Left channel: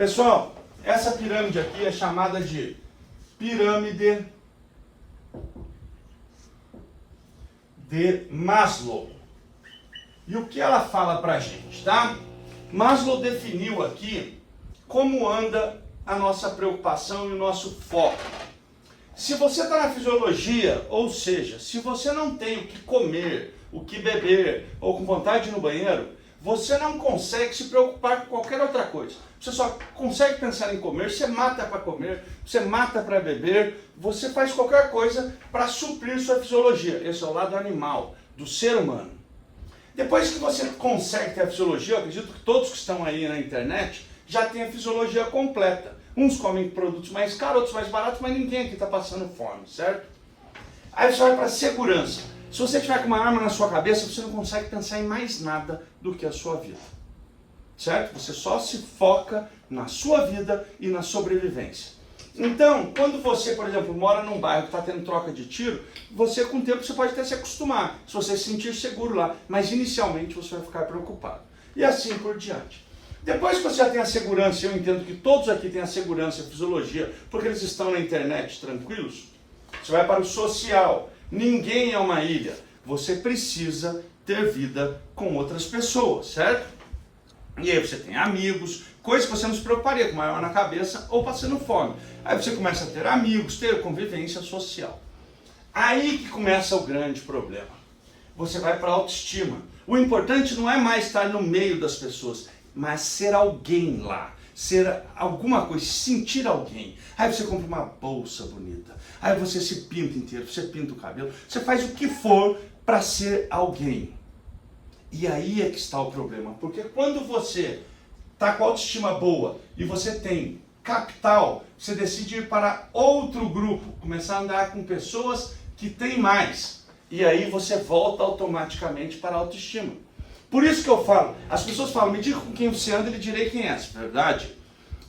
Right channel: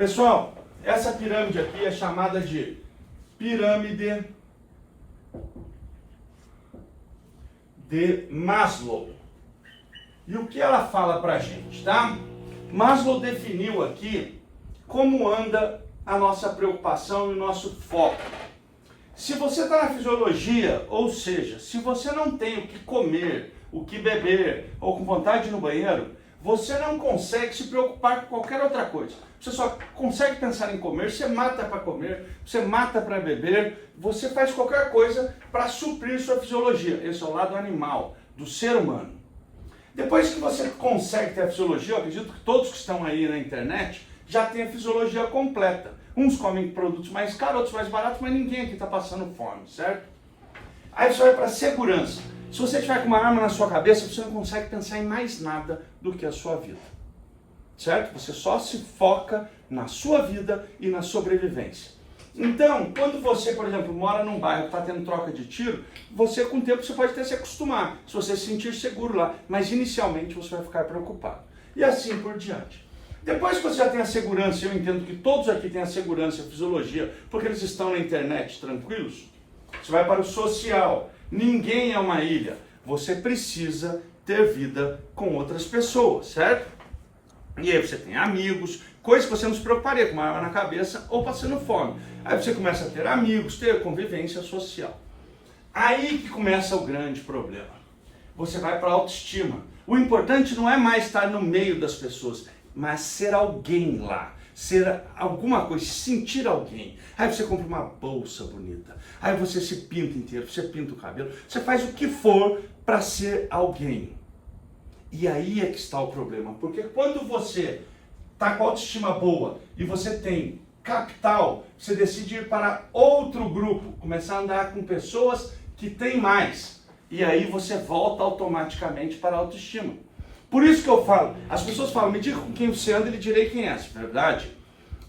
Pessoal, essa pirâmide aqui é chamada de pirâmide de Maslow. E o que ela fala pra gente, tá? Maslow definiu aqui como anda a nossa preocupação e o nosso foco. Se você está na fisiologia, ou seja, se você não tem o que comer, o que beber, ou com vontade de ir no banheiro, você não consegue se preocupar com qualquer outra coisa. Você só consegue pensar em comer, você mata para comer, você mata para beber, você faz qualquer coisa para suprir sua fisiologia. Esse é o lado animal, do ser humano. Depois que você consegue ter a fisiologia, eu acredito que todos que estão aí na internet já têm a fisiologia completa. Uns comem produtos mais caros, outros mais baratos, mas ninguém aqui está passando fome, certo? Aí você vai para a segurança. Se você tiver com uma arma na sua cabeça, você não consegue pensar em mais nada do que a sua vida. Certo? Você só se foca na sua vida e na sobrevivência. Então, quando você, por exemplo, mora num bairro que está tendo troca de tiro, você com o tempo você pode até se acostumar, se você se sentir seguro lá, mas inicialmente você vai ficar preocupado. E assim por diante. Depois que você já tem a segurança, eu entendo que todos aqui têm a segurança, a fisiologia, porque eles estão na internet tranquilos, você vai para o social. Ninguém é uma ilha. Você precisa ter vida com outras pessoas, certo? E aí você tem amigos, coisas que você não se preocuparia com uma arma na cabeça ou passando fome. Aí você começa a ter amigos, ter convivência social. Aí que começa o grande problema. Você vai para a autoestima. O importante não é mais estar no meio das pessoas, mas ser alguém lá. Ser alguma coisa, sentir alguém. Aí você compra uma bolsa bonita. Aí você se pinta inteiro, você pinta o cabelo. Você faz o que for para ser alguém. E aí é que está o problema. Porque quando você está com a autoestima boa e você tem capital, você decide ir para outro grupo. Começar a andar com pessoas que têm mais. E aí você volta automaticamente para a autoestima. Por isso que eu falo, as pessoas falam, me diga com quem você anda e lhe direi quem é. Verdade?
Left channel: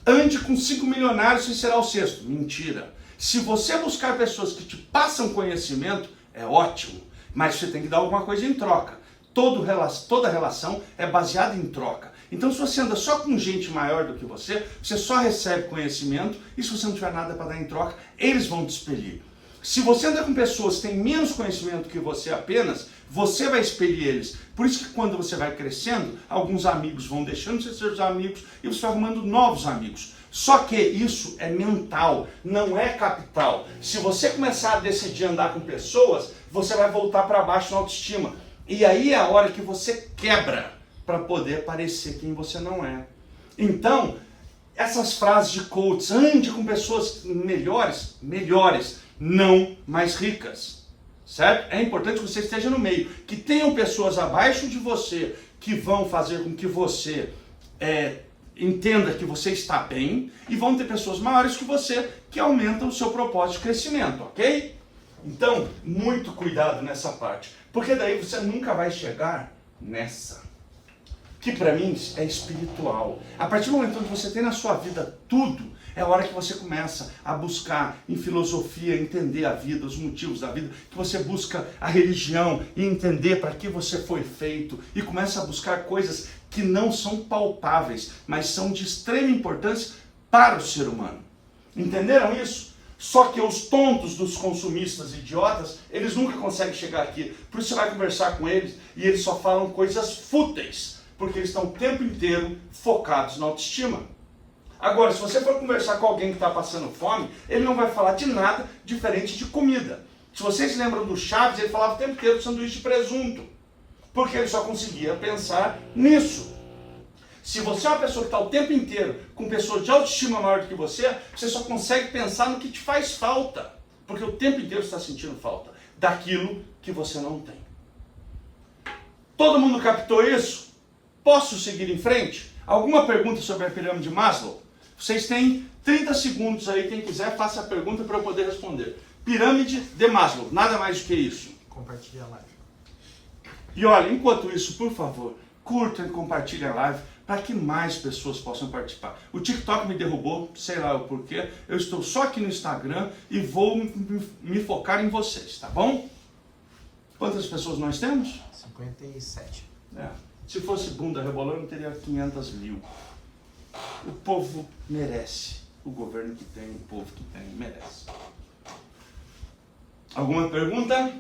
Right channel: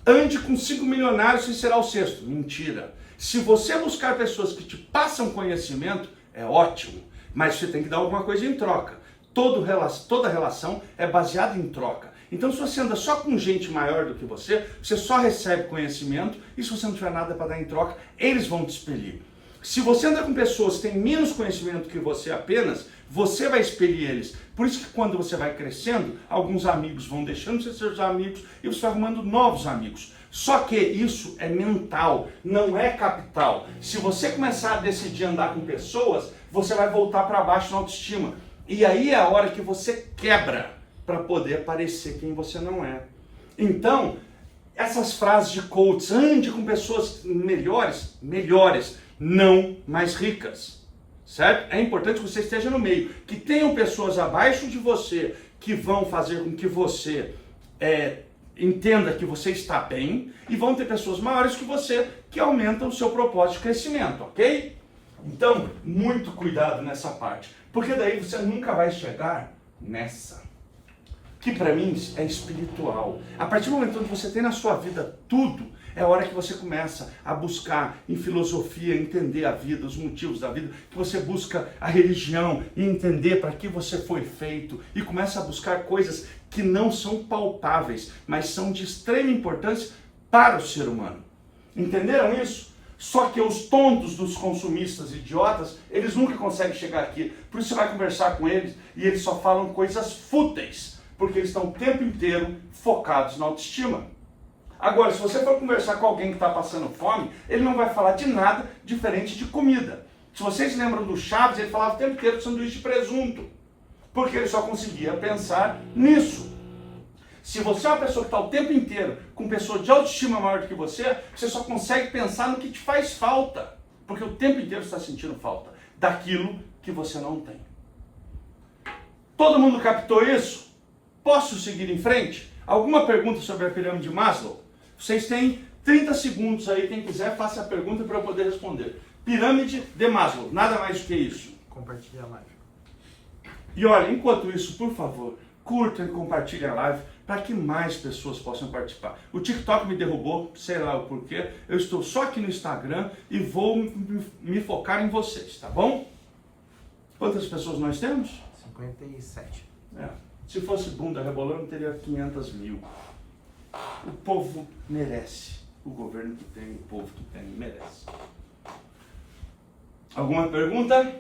Ande com 5 milionários e será o sexto. Mentira. Se você buscar pessoas que te passam conhecimento, é ótimo. Mas você tem que dar alguma coisa em troca. Toda relação é baseada em troca. Então se você anda só com gente maior do que você só recebe conhecimento e se você não tiver nada para dar em troca, eles vão te expelir. Se você anda com pessoas que têm menos conhecimento que você apenas, você vai expelir eles. Por isso que quando você vai crescendo, alguns amigos vão deixando de ser seus amigos e você vai arrumando novos amigos. Só que isso é mental, não é capital. Se você começar a decidir andar com pessoas, você vai voltar para baixo na autoestima. E aí é a hora que você quebra para poder parecer quem você não é. Então, essas frases de coaches, ande com pessoas melhores, não mais ricas, certo? É importante que você esteja no meio, que tenham pessoas abaixo de você que vão fazer com que você entenda que você está bem e vão ter pessoas maiores que você que aumentam o seu propósito de crescimento, ok? Então, muito cuidado nessa parte, porque daí você nunca vai chegar nessa, que para mim é espiritual. A partir do momento onde você tem na sua vida tudo, é a hora que você começa a buscar em filosofia, entender a vida, os motivos da vida, que você busca a religião e entender para que você foi feito e começa a buscar coisas que não são palpáveis, mas são de extrema importância para o ser humano. Entenderam isso? Só que os tontos dos consumistas idiotas, eles nunca conseguem chegar aqui. Por isso você vai conversar com eles e eles só falam coisas fúteis, porque eles estão o tempo inteiro focados na autoestima. Agora, se você for conversar com alguém que está passando fome, ele não vai falar de nada diferente de comida. Se vocês lembram do Chaves, ele falava o tempo inteiro de sanduíche de presunto, porque ele só conseguia pensar nisso. Se você é uma pessoa que está o tempo inteiro com pessoas de autoestima maior do que você só consegue pensar no que te faz falta, porque o tempo inteiro você está sentindo falta daquilo que você não tem. Todo mundo captou isso? Posso seguir em frente? Alguma pergunta sobre a pirâmide de Maslow? Vocês têm 30 segundos aí, quem quiser, faça a pergunta para eu poder responder. Pirâmide de Maslow, nada mais do que isso. Compartilha a live. E olha, enquanto isso, por favor, curtam e compartilhem a live para que mais pessoas possam participar. O TikTok me derrubou, sei lá o porquê. Eu estou só aqui no Instagram e vou me focar em vocês, tá bom? Quantas pessoas nós temos? 57. Se fosse bunda rebolando, teria 500 mil. O povo merece. O governo que tem, o povo que tem, merece. Alguma pergunta?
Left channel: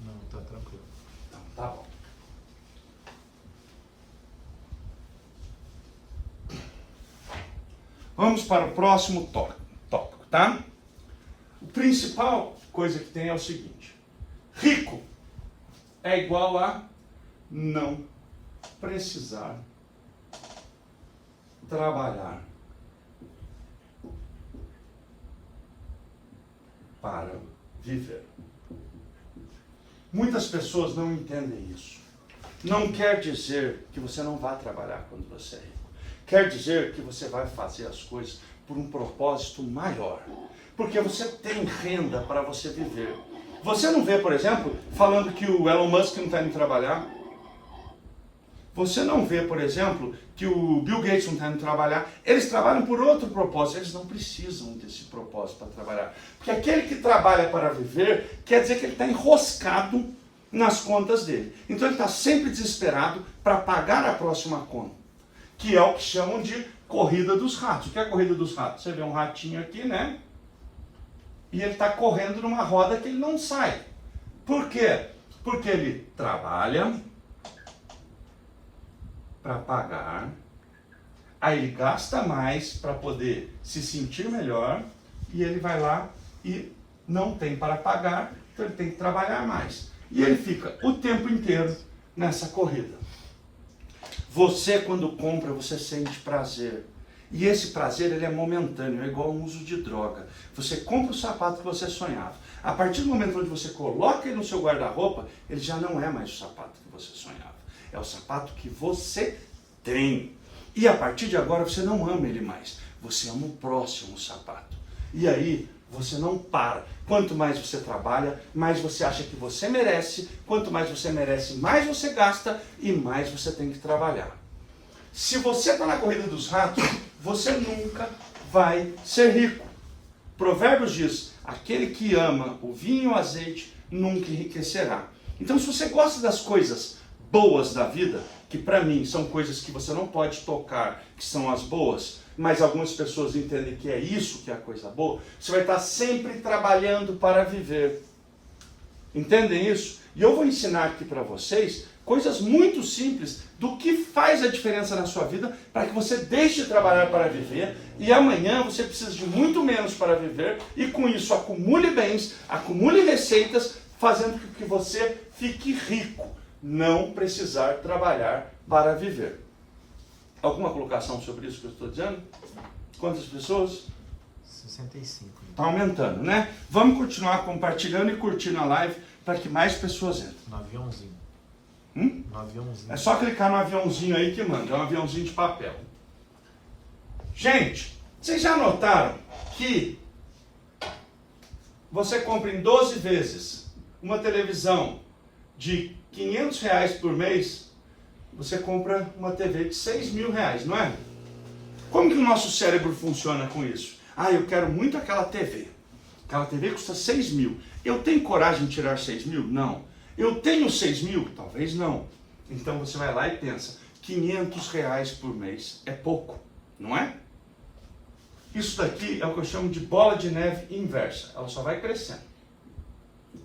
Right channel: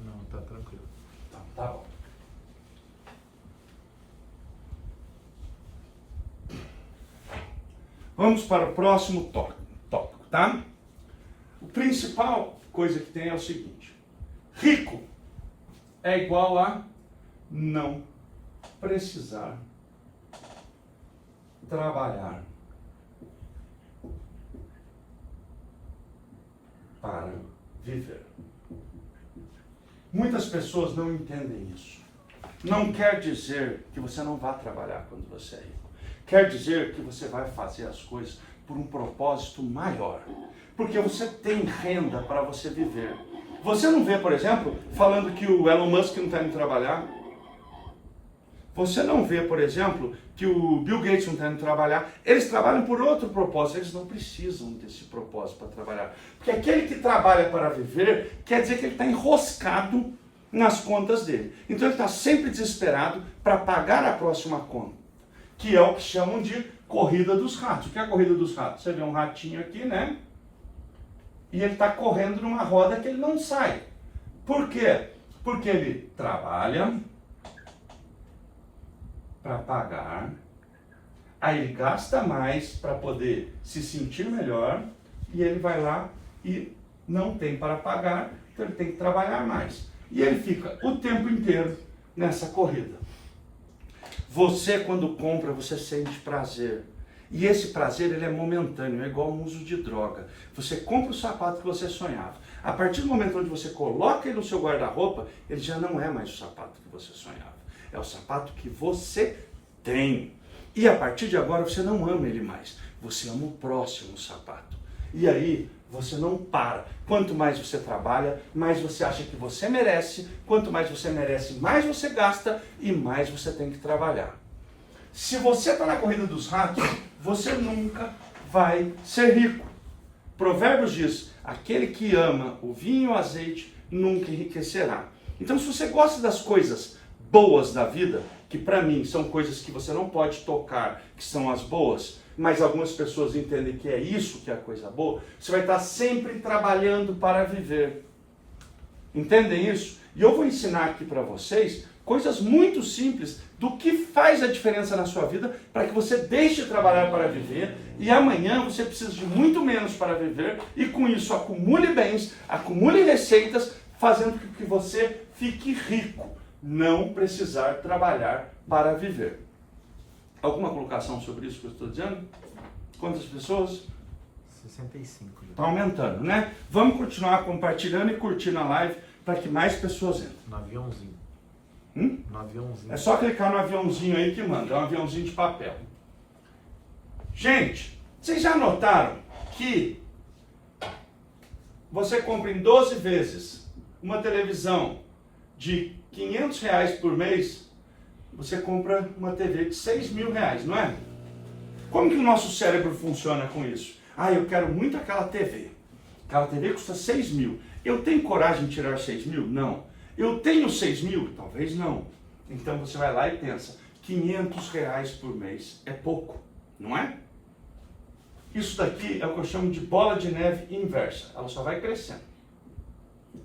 Não, tá tranquilo. Então, tá bom. Vamos para o próximo tópico, tá? O principal coisa que tem é o seguinte. Rico é igual a não precisar trabalhar para viver. Muitas pessoas não entendem isso. Não quer dizer que você não vá trabalhar quando você é rico. Quer dizer que você vai fazer as coisas por um propósito maior. Porque você tem renda para você viver. Você não vê, por exemplo, falando que o Elon Musk não está indo trabalhar. Você não vê, por exemplo, que o Bill Gates não está indo trabalhar. Eles trabalham por outro propósito. Eles não precisam desse propósito para trabalhar. Porque aquele que trabalha para viver, quer dizer que ele está enroscado nas contas dele. Então ele está sempre desesperado para pagar a próxima conta. Que é o que chamam de corrida dos ratos. O que é a corrida dos ratos? Você vê um ratinho aqui, né? E ele está correndo numa roda que ele não sai. Por quê? Porque ele trabalha para pagar, aí ele gasta mais para poder se sentir melhor, e ele vai lá e não tem para pagar, então ele tem que trabalhar mais. E ele fica o tempo inteiro nessa corrida. Você, quando compra, você sente prazer. E esse prazer, ele é momentâneo, é igual ao uso de droga. Você compra o sapato que você sonhava. A partir do momento onde você coloca ele no seu guarda-roupa, ele já não é mais o sapato que você sonhava. É o sapato que você tem. E a partir de agora, você não ama ele mais. Você ama o próximo sapato. E aí, você não para. Quanto mais você trabalha, mais você acha que você merece. Quanto mais você merece, mais você gasta e mais você tem que trabalhar. Se você está na corrida dos ratos, você nunca vai ser rico. Provérbios diz, aquele que ama o vinho e o azeite nunca enriquecerá. Então, se você gosta das coisas boas da vida, que para mim são coisas que você não pode tocar, que são as boas, mas algumas pessoas entendem que é isso que é a coisa boa, você vai estar sempre trabalhando para viver. Entendem isso? E eu vou ensinar aqui para vocês coisas muito simples do que faz a diferença na sua vida para que você deixe de trabalhar para viver e amanhã você precisa de muito menos para viver e com isso acumule bens, acumule receitas, fazendo com que você fique rico. Não precisar trabalhar para viver. Alguma colocação sobre isso que eu estou dizendo? Quantas pessoas? 65. Está aumentando, né? Vamos continuar compartilhando e curtindo a live para que mais pessoas entrem. No aviãozinho. No aviãozinho. É só clicar no aviãozinho aí que manda. É um aviãozinho de papel. Gente, vocês já notaram que você compra em 12 vezes uma televisão de R$500 por mês, você compra uma TV de R$6.000, não é? Como que o nosso cérebro funciona com isso? Ah, eu quero muito aquela TV. Aquela TV custa 6 mil. Eu tenho coragem de tirar 6 mil? Não. Eu tenho 6 mil? Talvez não. Então você vai lá e pensa, R$500 por mês é pouco, não é? Isso daqui é o que eu chamo de bola de neve inversa. Ela só vai crescendo.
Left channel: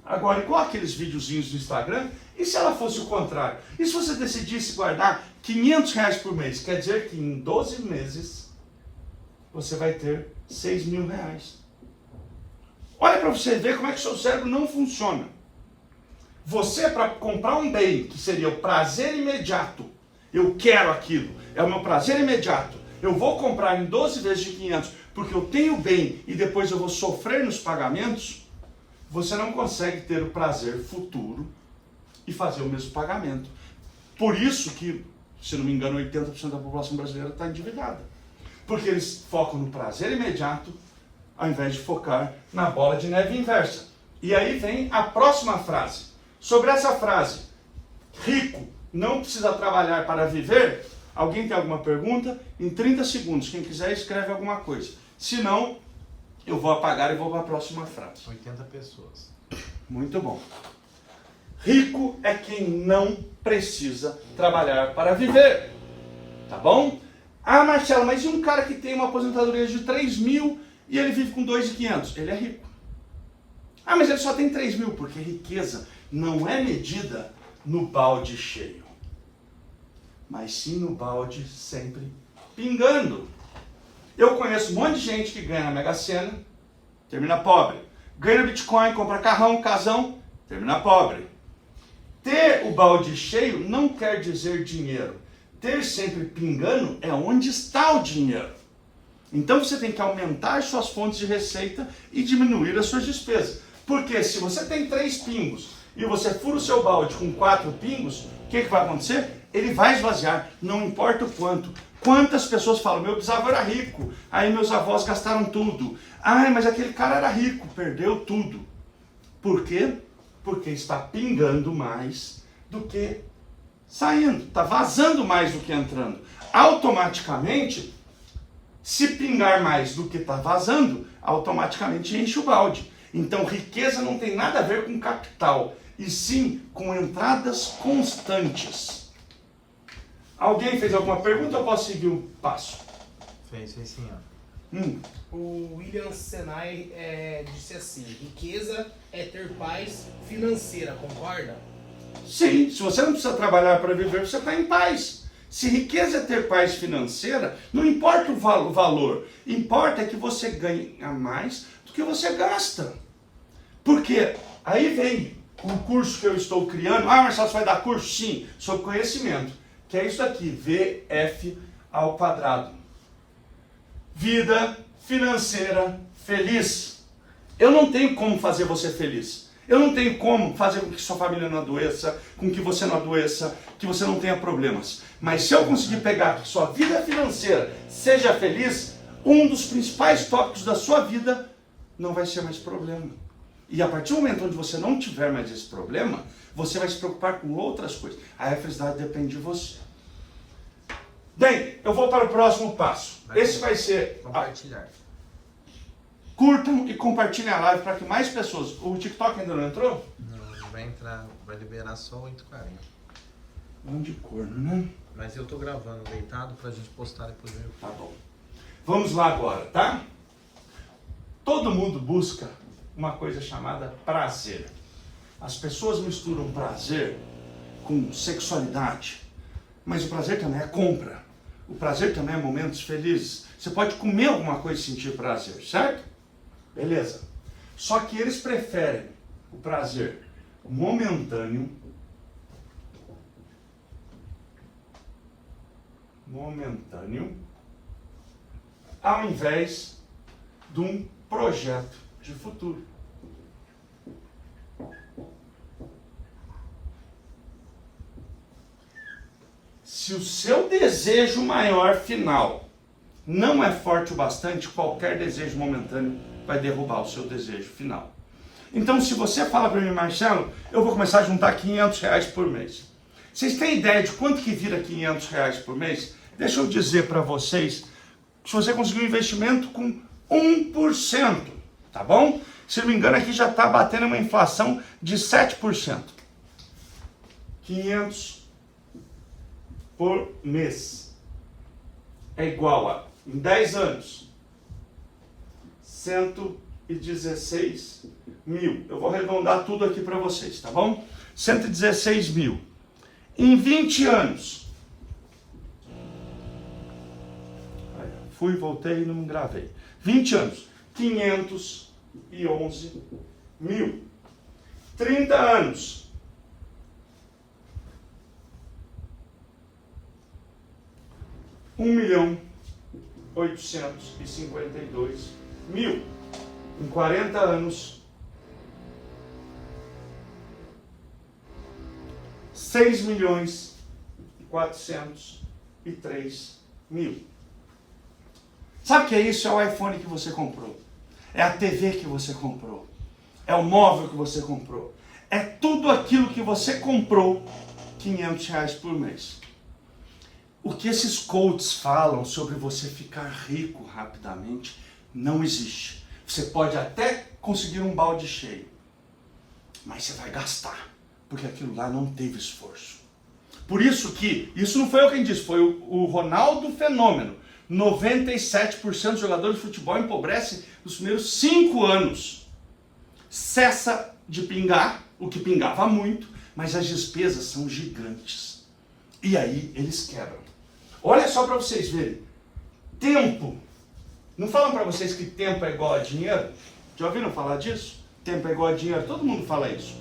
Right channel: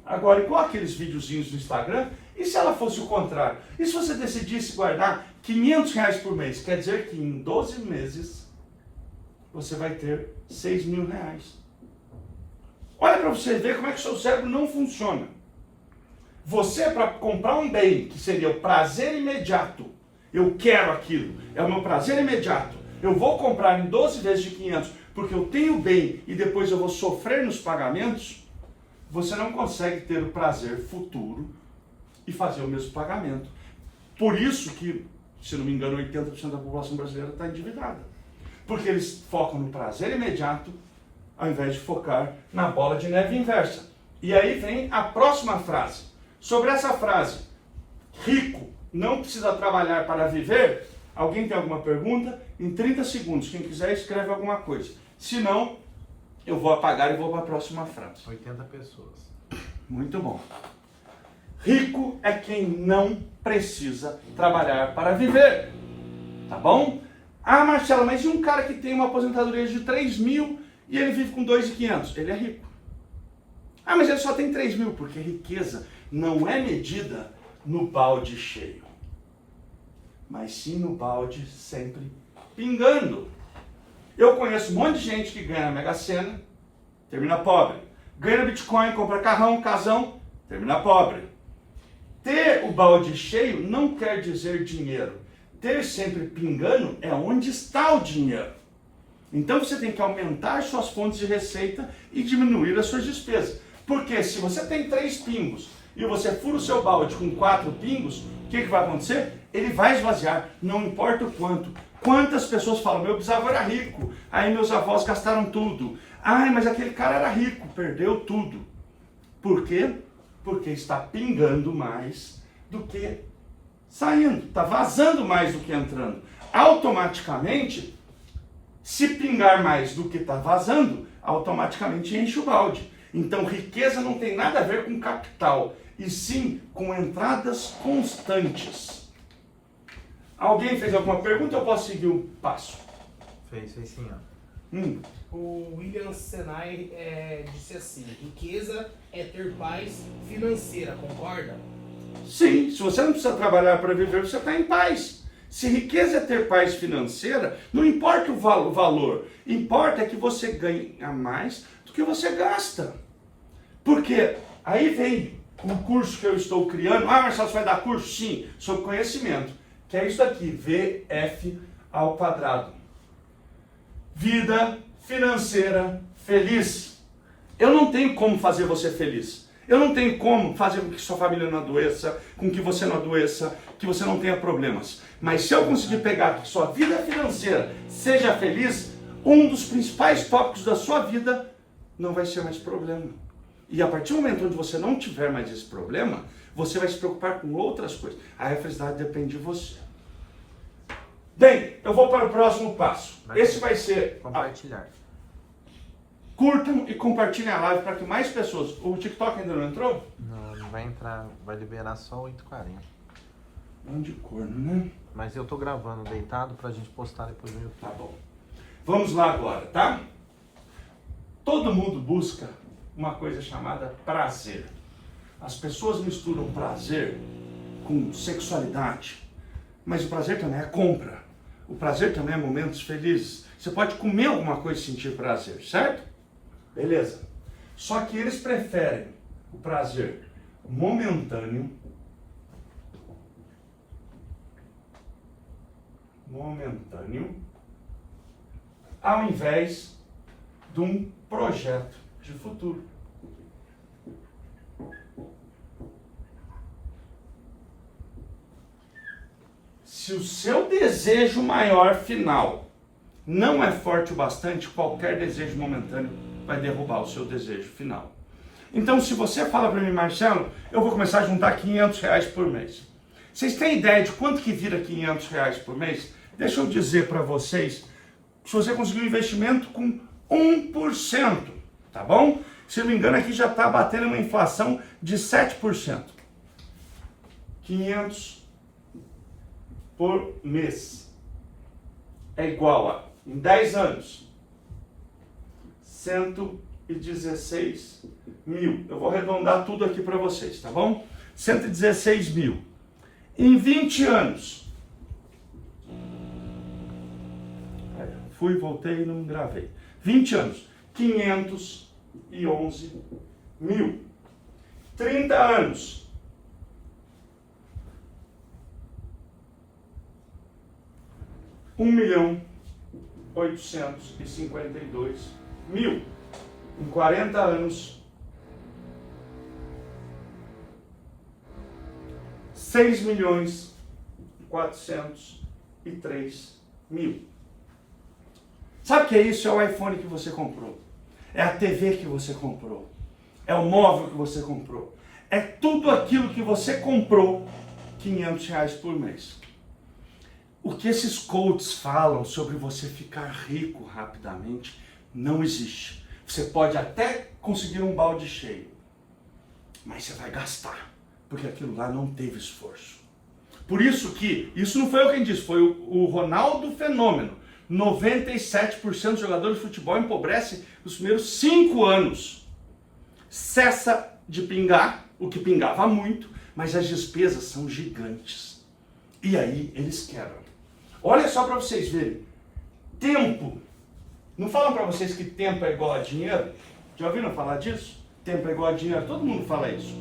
Agora, igual aqueles videozinhos do Instagram, e se ela fosse o contrário? E se você decidisse guardar R$500 por mês? Quer dizer que em 12 meses você vai ter R$6.000. Olha para você ver como é que o seu cérebro não funciona. Você, para comprar um bem, que seria o prazer imediato, eu quero aquilo, é o meu prazer imediato, eu vou comprar em 12 vezes de 500, porque eu tenho bem e depois eu vou sofrer nos pagamentos, você não consegue ter o prazer futuro e fazer o mesmo pagamento. Por isso que, se não me engano, 80% da população brasileira está endividada. Porque eles focam no prazer imediato, ao invés de focar na bola de neve inversa. E aí vem a próxima frase. Sobre essa frase, rico não precisa trabalhar para viver, alguém tem alguma pergunta? Em 30 segundos, quem quiser escreve alguma coisa. Se não, eu vou apagar e vou para a próxima frase. 80 pessoas. Muito bom. Rico é quem não precisa trabalhar para viver. Tá bom? Ah, Marcelo, mas e um cara que tem uma aposentadoria de 3 mil e ele vive com 2.500? Ele é rico. Ah, mas ele só tem 3 mil, porque riqueza não é medida no balde cheio, mas sim no balde sempre pingando. Eu conheço um monte de gente que ganha na Mega Sena, termina pobre. Ganha Bitcoin, compra carrão, casão, termina pobre. Ter o balde cheio não quer dizer dinheiro. Ter sempre pingando é onde está o dinheiro. Então você tem que aumentar as suas fontes de receita e diminuir as suas despesas. Porque se você tem 3 pingos e você fura o seu balde com 4 pingos, o que vai acontecer? Ele vai esvaziar, não importa o quanto. Quantas pessoas falam, meu bisavô era rico, aí meus avós gastaram tudo. Ai, mas aquele cara era rico, perdeu tudo. Por quê? Porque está pingando mais do que saindo, está vazando mais do que entrando. Automaticamente, se pingar mais do que está vazando, automaticamente enche o balde. Então, riqueza não tem nada a ver com capital, e sim com entradas constantes. Alguém fez alguma pergunta ou posso seguir o passo? Fez sim, ó. O William Senai disse assim: riqueza é ter paz financeira, concorda? Sim, se você não precisa trabalhar para viver, você está em paz. Se riqueza é ter paz financeira, não importa o valor, importa é que você ganha mais do que você gasta. Porque aí vem um curso que eu estou criando. Ah, Marcelo, você vai dar curso? Sim, sobre conhecimento, que é isso aqui, VF ao quadrado. Vida financeira feliz. Eu não tenho como fazer você feliz. Eu não tenho como fazer com que sua família não adoeça, com que você não adoeça, que você não tenha problemas. Mas se eu conseguir pegar que sua vida financeira seja feliz, um dos principais tópicos da sua vida não vai ser mais problema. E a partir do momento onde você não tiver mais esse problema, você vai se preocupar com outras coisas. Aí a felicidade depende de você. Bem, eu vou para o próximo passo. Esse vai ser... Compartilhar. Curtam e compartilhem a live para que mais pessoas... O TikTok ainda não entrou? Não vai entrar, vai liberar só 8h40. Mão de corno, né? Mas eu tô gravando deitado pra gente postar depois no YouTube. Tá bom. Vamos lá agora, tá? Todo mundo busca uma coisa chamada prazer. As pessoas misturam prazer com sexualidade. Mas o prazer também é compra. O prazer também é momentos felizes. Você pode comer alguma coisa e sentir prazer, certo? Beleza. Só que eles preferem o prazer momentâneo, ao invés de um projeto de futuro. Se o seu desejo maior final não é forte o bastante, qualquer desejo momentâneo vai derrubar o seu desejo final. Então, se você fala para mim, Marcelo, eu vou começar a juntar R$500 por mês. Vocês têm ideia de quanto que vira R$500 por mês? Deixa eu dizer para vocês, se você conseguir um investimento com 1%, tá bom? Se não me engano, aqui já está batendo uma inflação de 7%. 500 por mês é igual a, em 10 anos, 116 mil. Eu vou arredondar tudo aqui para vocês, tá bom? 116 mil. Em 20 anos. Fui, voltei e não gravei. 20 anos. 511 mil. 30 anos. 1.852.000. Em 40 anos, 6.403.000. Sabe o que é isso? É o iPhone que você comprou. É a TV que você comprou. É o móvel que você comprou. É tudo aquilo que você comprou, R$500 por mês. O que esses coaches falam sobre você ficar rico rapidamente não existe. Você pode até conseguir um balde cheio, mas você vai gastar, porque aquilo lá não teve esforço. Por isso que, isso não foi eu quem disse, foi o Ronaldo Fenômeno. 97% dos jogadores de futebol empobrecem nos primeiros 5 anos. Cessa de pingar, o que pingava muito, mas as despesas são gigantes. E aí eles quebram. Olha só para vocês verem. Tempo. Não falam para vocês que tempo é igual a dinheiro? Já ouviram falar disso? Tempo é igual a dinheiro. Todo mundo fala isso.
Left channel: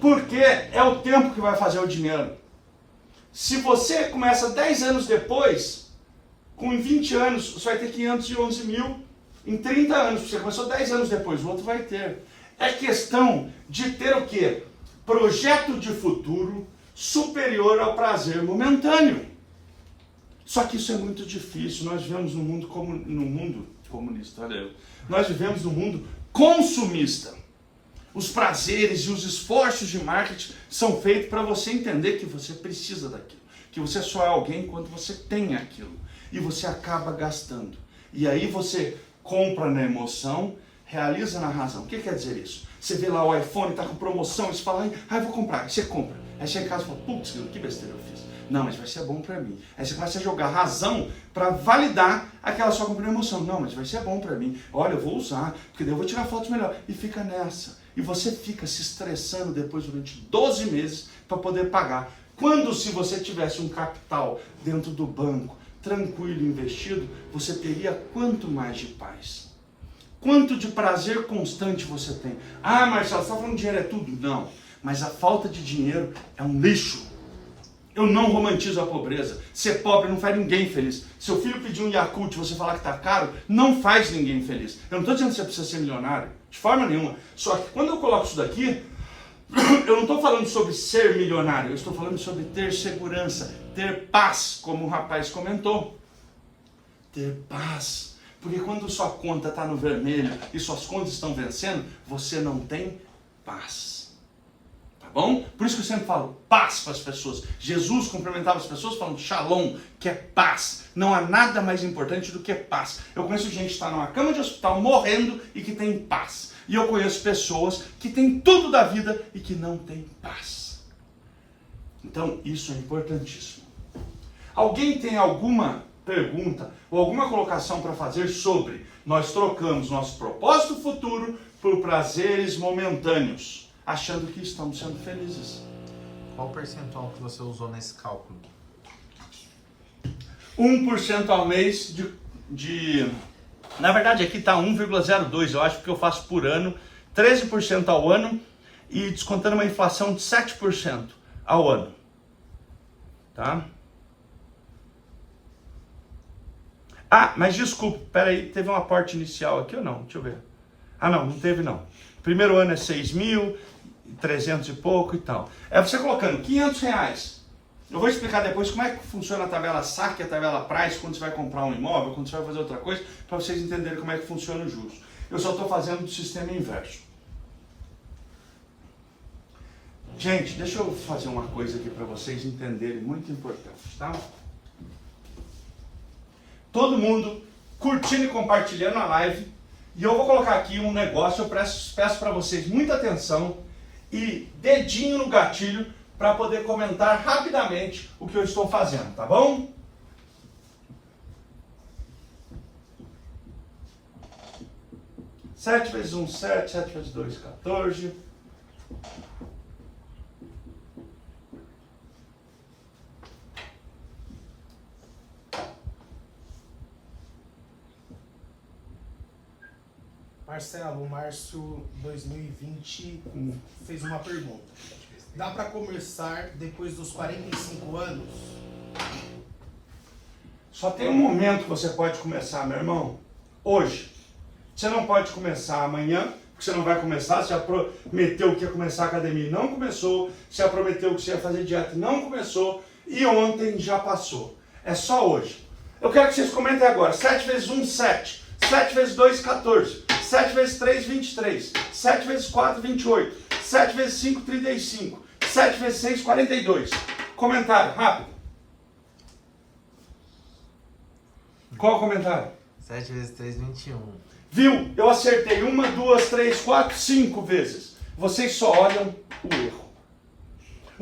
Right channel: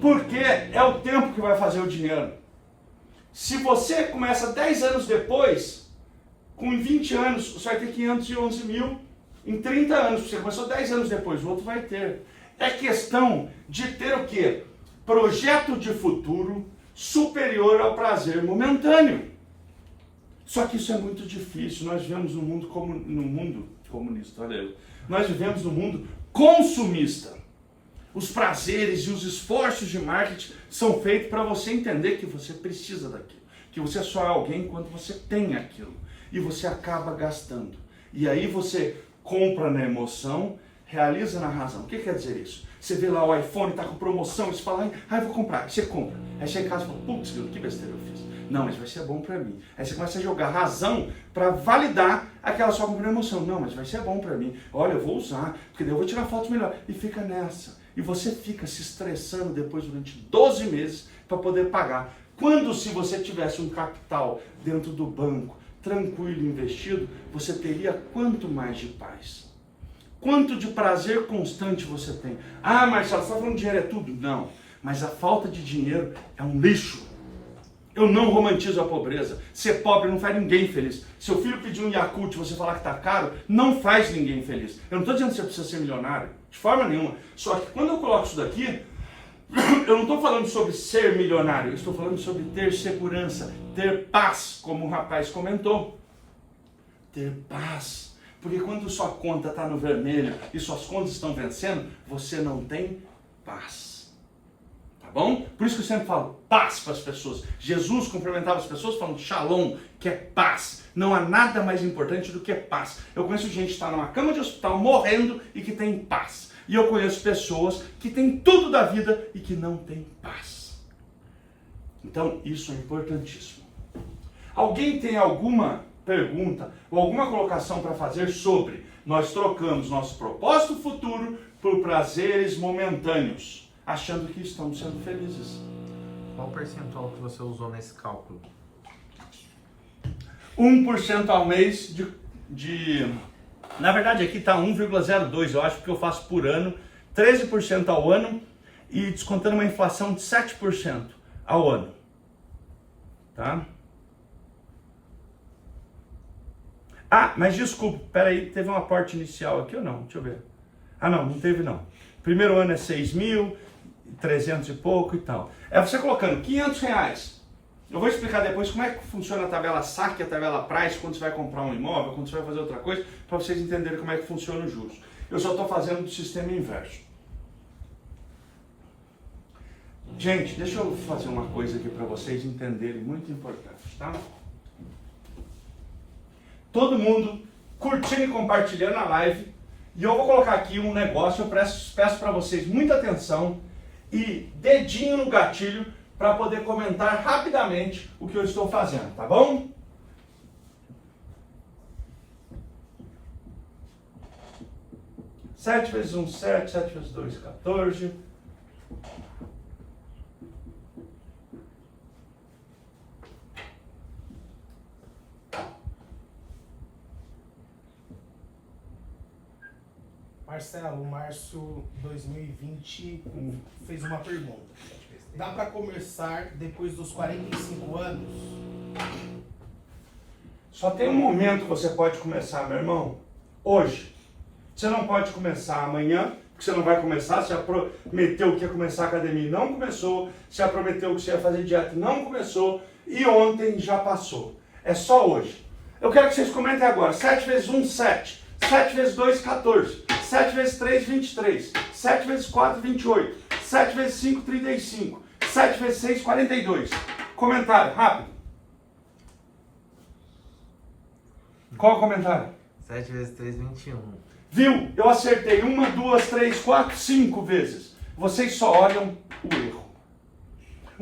Porque é o tempo que vai fazer o dinheiro. Se você começa 10 anos depois, com 20 anos, você vai ter 511 mil em 30 anos. Você começou 10 anos depois, o outro vai ter. É questão de ter o quê? Projeto de futuro superior ao prazer momentâneo. Só que isso é muito difícil. Nós vivemos num mundo comunista, olha eu. Nós vivemos num mundo consumista. Os prazeres e os esforços de marketing são feitos para você entender que você precisa daquilo, que você só é alguém quando você tem aquilo, e você acaba gastando. E aí você compra na emoção, realiza na razão. O que quer dizer isso? Você vê lá o iPhone, está com promoção, e você fala, vou comprar. Aí você compra. Aí chega em casa e fala, putz, que besteira eu fiz. Não, mas vai ser bom para mim. Aí você começa a jogar razão para validar aquela sua compra na emoção. Não, mas vai ser bom para mim. Olha, eu vou usar, porque daí eu vou tirar fotos melhor. E fica nessa. E você fica se estressando depois durante 12 meses para poder pagar. Quando, se você tivesse um capital dentro do banco, tranquilo, investido, você teria quanto mais de paz? Quanto de prazer constante você tem? Ah, Marcelo, você está falando que dinheiro é tudo? Não, mas a falta de dinheiro é um lixo. Eu não romantizo a pobreza. Ser pobre não faz ninguém feliz. Seu filho pedir um Yakult e você falar que está caro, não faz ninguém feliz. Eu não estou dizendo que você precisa ser milionário, de forma nenhuma. Só que quando eu coloco isso daqui, eu não estou falando sobre ser milionário, eu estou falando sobre ter segurança, ter paz, como o rapaz comentou. Ter paz. Porque quando sua conta está no vermelho e suas contas estão vencendo, você não tem paz. Tá bom? Por isso que eu sempre falo paz para as pessoas. Jesus cumprimentava as pessoas falando shalom, que é paz. Não há nada mais importante do que paz. Eu conheço gente que está numa cama de hospital morrendo e que tem paz. E eu conheço pessoas que têm tudo da vida e que não têm paz. Então, isso é importantíssimo. Alguém tem alguma pergunta ou alguma colocação para fazer sobre nós trocamos nosso propósito futuro por prazeres momentâneos, achando que estamos sendo felizes? Qual o percentual que você usou nesse cálculo? 1% ao mês na verdade aqui está 1,02, eu acho, porque eu faço por ano, 13% ao ano e descontando uma inflação de 7% ao ano. Tá? Ah, mas desculpa, peraí, teve um aporte inicial aqui ou não? Deixa eu ver. Ah, não teve não. Primeiro ano é 6.300 e pouco e tal. É você colocando R$500. Eu vou explicar depois como é que funciona a tabela saque, a tabela price, quando você vai comprar um imóvel, quando você vai fazer outra coisa, para vocês entenderem como é que funciona os juros. Eu só estou fazendo do sistema inverso. Gente, deixa eu fazer uma coisa aqui para vocês entenderem, muito importante, tá? Todo mundo curtindo e compartilhando a live. E eu vou colocar aqui um negócio, eu peço para vocês muita atenção e dedinho no gatilho para poder comentar rapidamente o que eu estou fazendo, tá bom? Sete vezes 1, 7, 7 vezes 2, 14. Marcelo, março 2020 fez uma pergunta. Dá para começar depois dos 45 anos? Só tem um momento que você pode começar, meu irmão. Hoje. Você não pode começar amanhã, porque você não vai começar. Você já prometeu que ia começar a academia e não começou. Você já prometeu que você ia fazer dieta e não começou. E ontem já passou. É só hoje. Eu quero que vocês comentem agora. 7 vezes 1, 7. 7 vezes 2, 14. 7 vezes 3, 23. 7 vezes 4, 28. 7 vezes 5, 35. 7 vezes 6, 42. Comentário, rápido. Qual o comentário? 7 vezes 3, 21. Viu? Eu acertei 1, 2, 3, 4, 5 vezes. Vocês só olham o erro.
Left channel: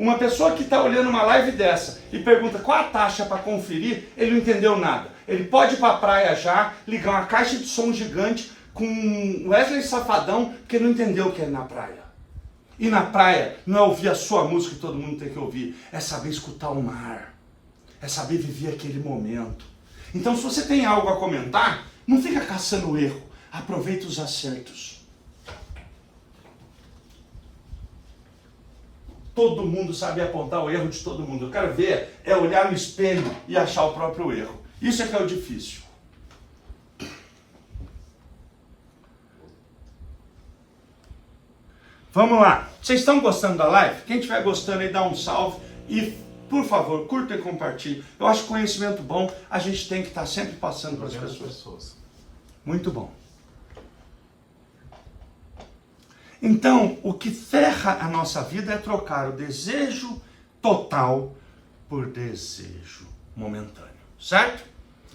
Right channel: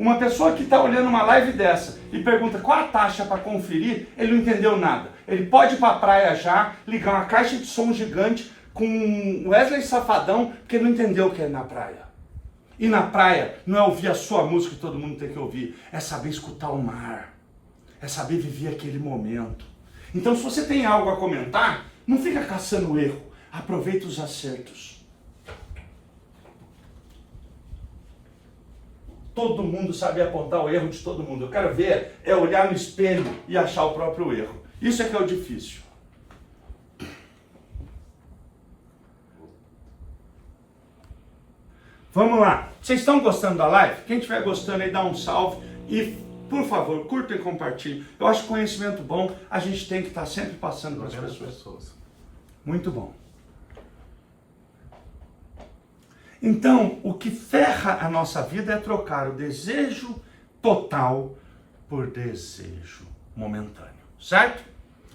Uma pessoa que está olhando uma live dessa e pergunta qual a taxa para conferir, ele não entendeu nada. Ele pode ir para a praia já, ligar uma caixa de som gigante com Wesley Safadão, porque ele não entendeu o que é na praia. E na praia não é ouvir a sua música que todo mundo tem que ouvir, é saber escutar o mar, é saber viver aquele momento. Então, se você tem algo a comentar, não fica caçando erro, aproveita os acertos. Todo mundo sabe apontar o erro de todo mundo. Eu quero ver é olhar no espelho e achar o próprio erro. Isso é que é o difícil. Vamos lá. Vocês estão gostando da live? Quem estiver gostando aí, dá um salve e, por favor, curta e compartilhe. Eu acho conhecimento bom, a gente tem que estar sempre passando para as pessoas. Muito bom. Então, o que ferra a nossa vida é trocar o desejo total por desejo momentâneo, certo?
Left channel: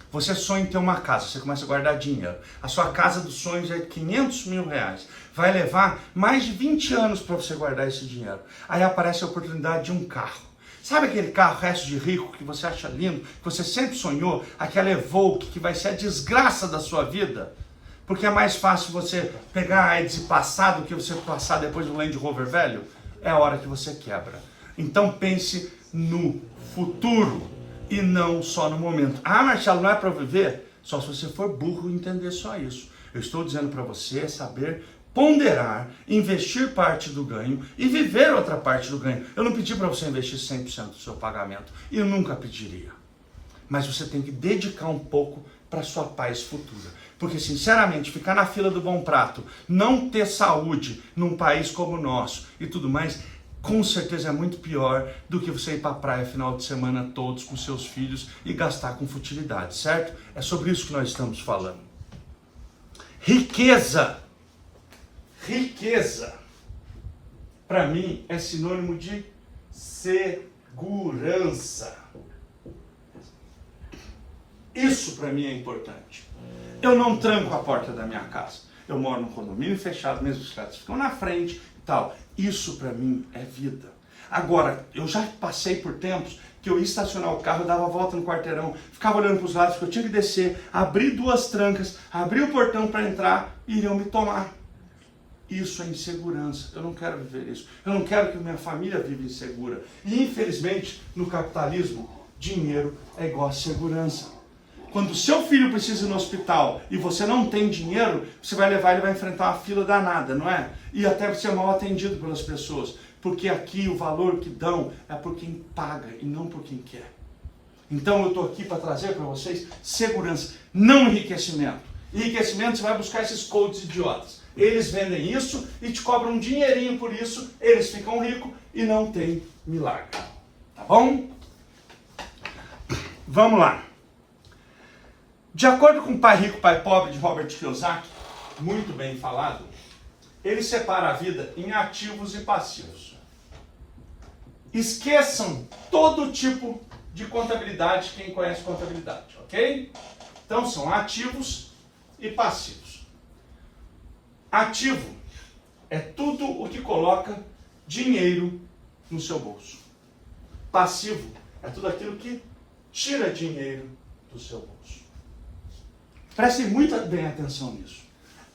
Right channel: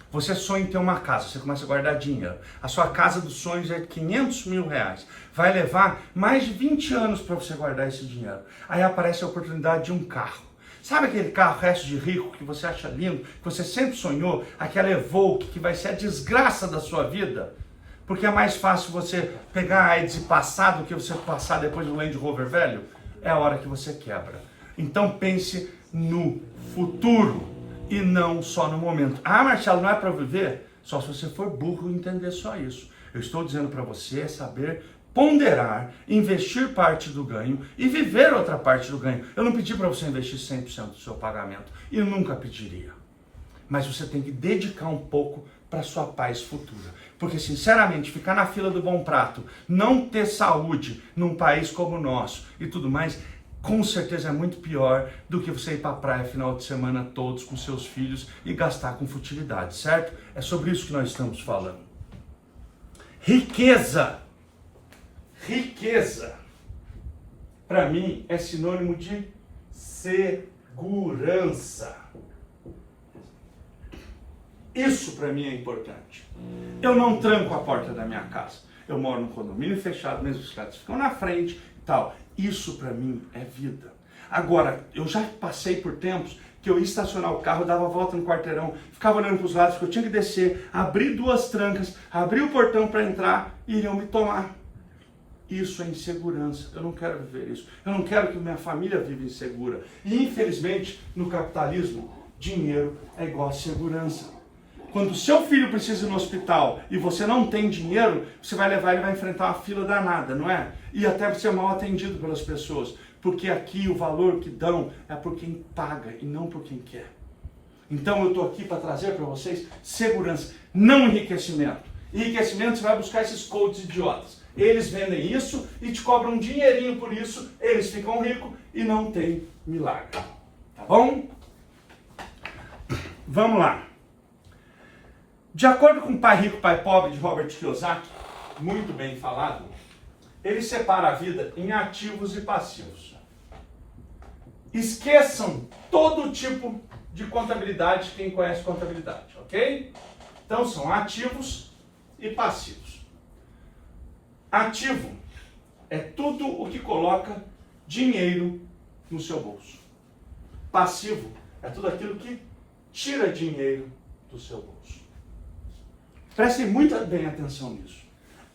Você sonha em ter uma casa, você começa a guardar dinheiro. A sua casa dos sonhos é 500 mil reais. Vai levar mais de 20 anos para você guardar esse dinheiro. Aí aparece a oportunidade de um carro. Sabe aquele carro resto de rico que você acha lindo, que você sempre sonhou? Aquela Evoque que vai ser a desgraça da sua vida? Porque é mais fácil você pegar a AIDS e passar do que você passar depois do Land Rover velho? É a hora que você quebra. Então pense no futuro e não só no momento. Ah, Marcelo, não é para viver? Só se você for burro e entender só isso. Eu estou dizendo para você saber ponderar, investir parte do ganho e viver outra parte do ganho. Eu não pedi para você investir 100% do seu pagamento e eu nunca pediria. Mas você tem que dedicar um pouco para sua paz futura. Porque, sinceramente, ficar na fila do bom prato, não ter saúde num país como o nosso e tudo mais, com certeza é muito pior do que você ir para a praia final de semana todos com seus filhos e gastar com futilidade, certo? É sobre isso que nós estamos falando. Riqueza. Riqueza, para mim, é sinônimo de segurança. Isso para mim é importante. Eu não tranco a porta da minha casa. Eu moro num condomínio fechado, mesmo os caras ficam na frente e tal. Isso para mim é vida. Agora, eu já passei por tempos que eu ia estacionar o carro, dava a volta no quarteirão, ficava olhando para os lados, porque eu tinha que descer, abrir 2 trancas, abrir o portão para entrar e iriam me tomar. Isso é insegurança. Eu não quero viver isso. Eu não quero que minha família viva insegura. E infelizmente, no capitalismo, dinheiro é igual a segurança. Quando o seu filho precisa ir no hospital e você não tem dinheiro, você vai levar ele, vai enfrentar uma fila danada, não é? E até ser mal atendido pelas pessoas. Porque aqui o valor que dão é por quem paga e não por quem quer. Então eu estou aqui para trazer para vocês segurança, não enriquecimento. Enriquecimento, você vai buscar esses coaches idiotas. Eles vendem isso e te cobram um dinheirinho por isso, eles ficam ricos e não tem milagre. Tá bom? Vamos lá. De acordo com o Pai Rico, Pai Pobre, de Robert Kiyosaki, muito bem falado, ele separa a vida em ativos e passivos. Esqueçam todo tipo de contabilidade, quem conhece contabilidade, ok? Então são ativos e passivos. Ativo é tudo o que coloca dinheiro no seu bolso. Passivo é tudo aquilo que tira dinheiro do seu bolso. Prestem muito bem atenção nisso.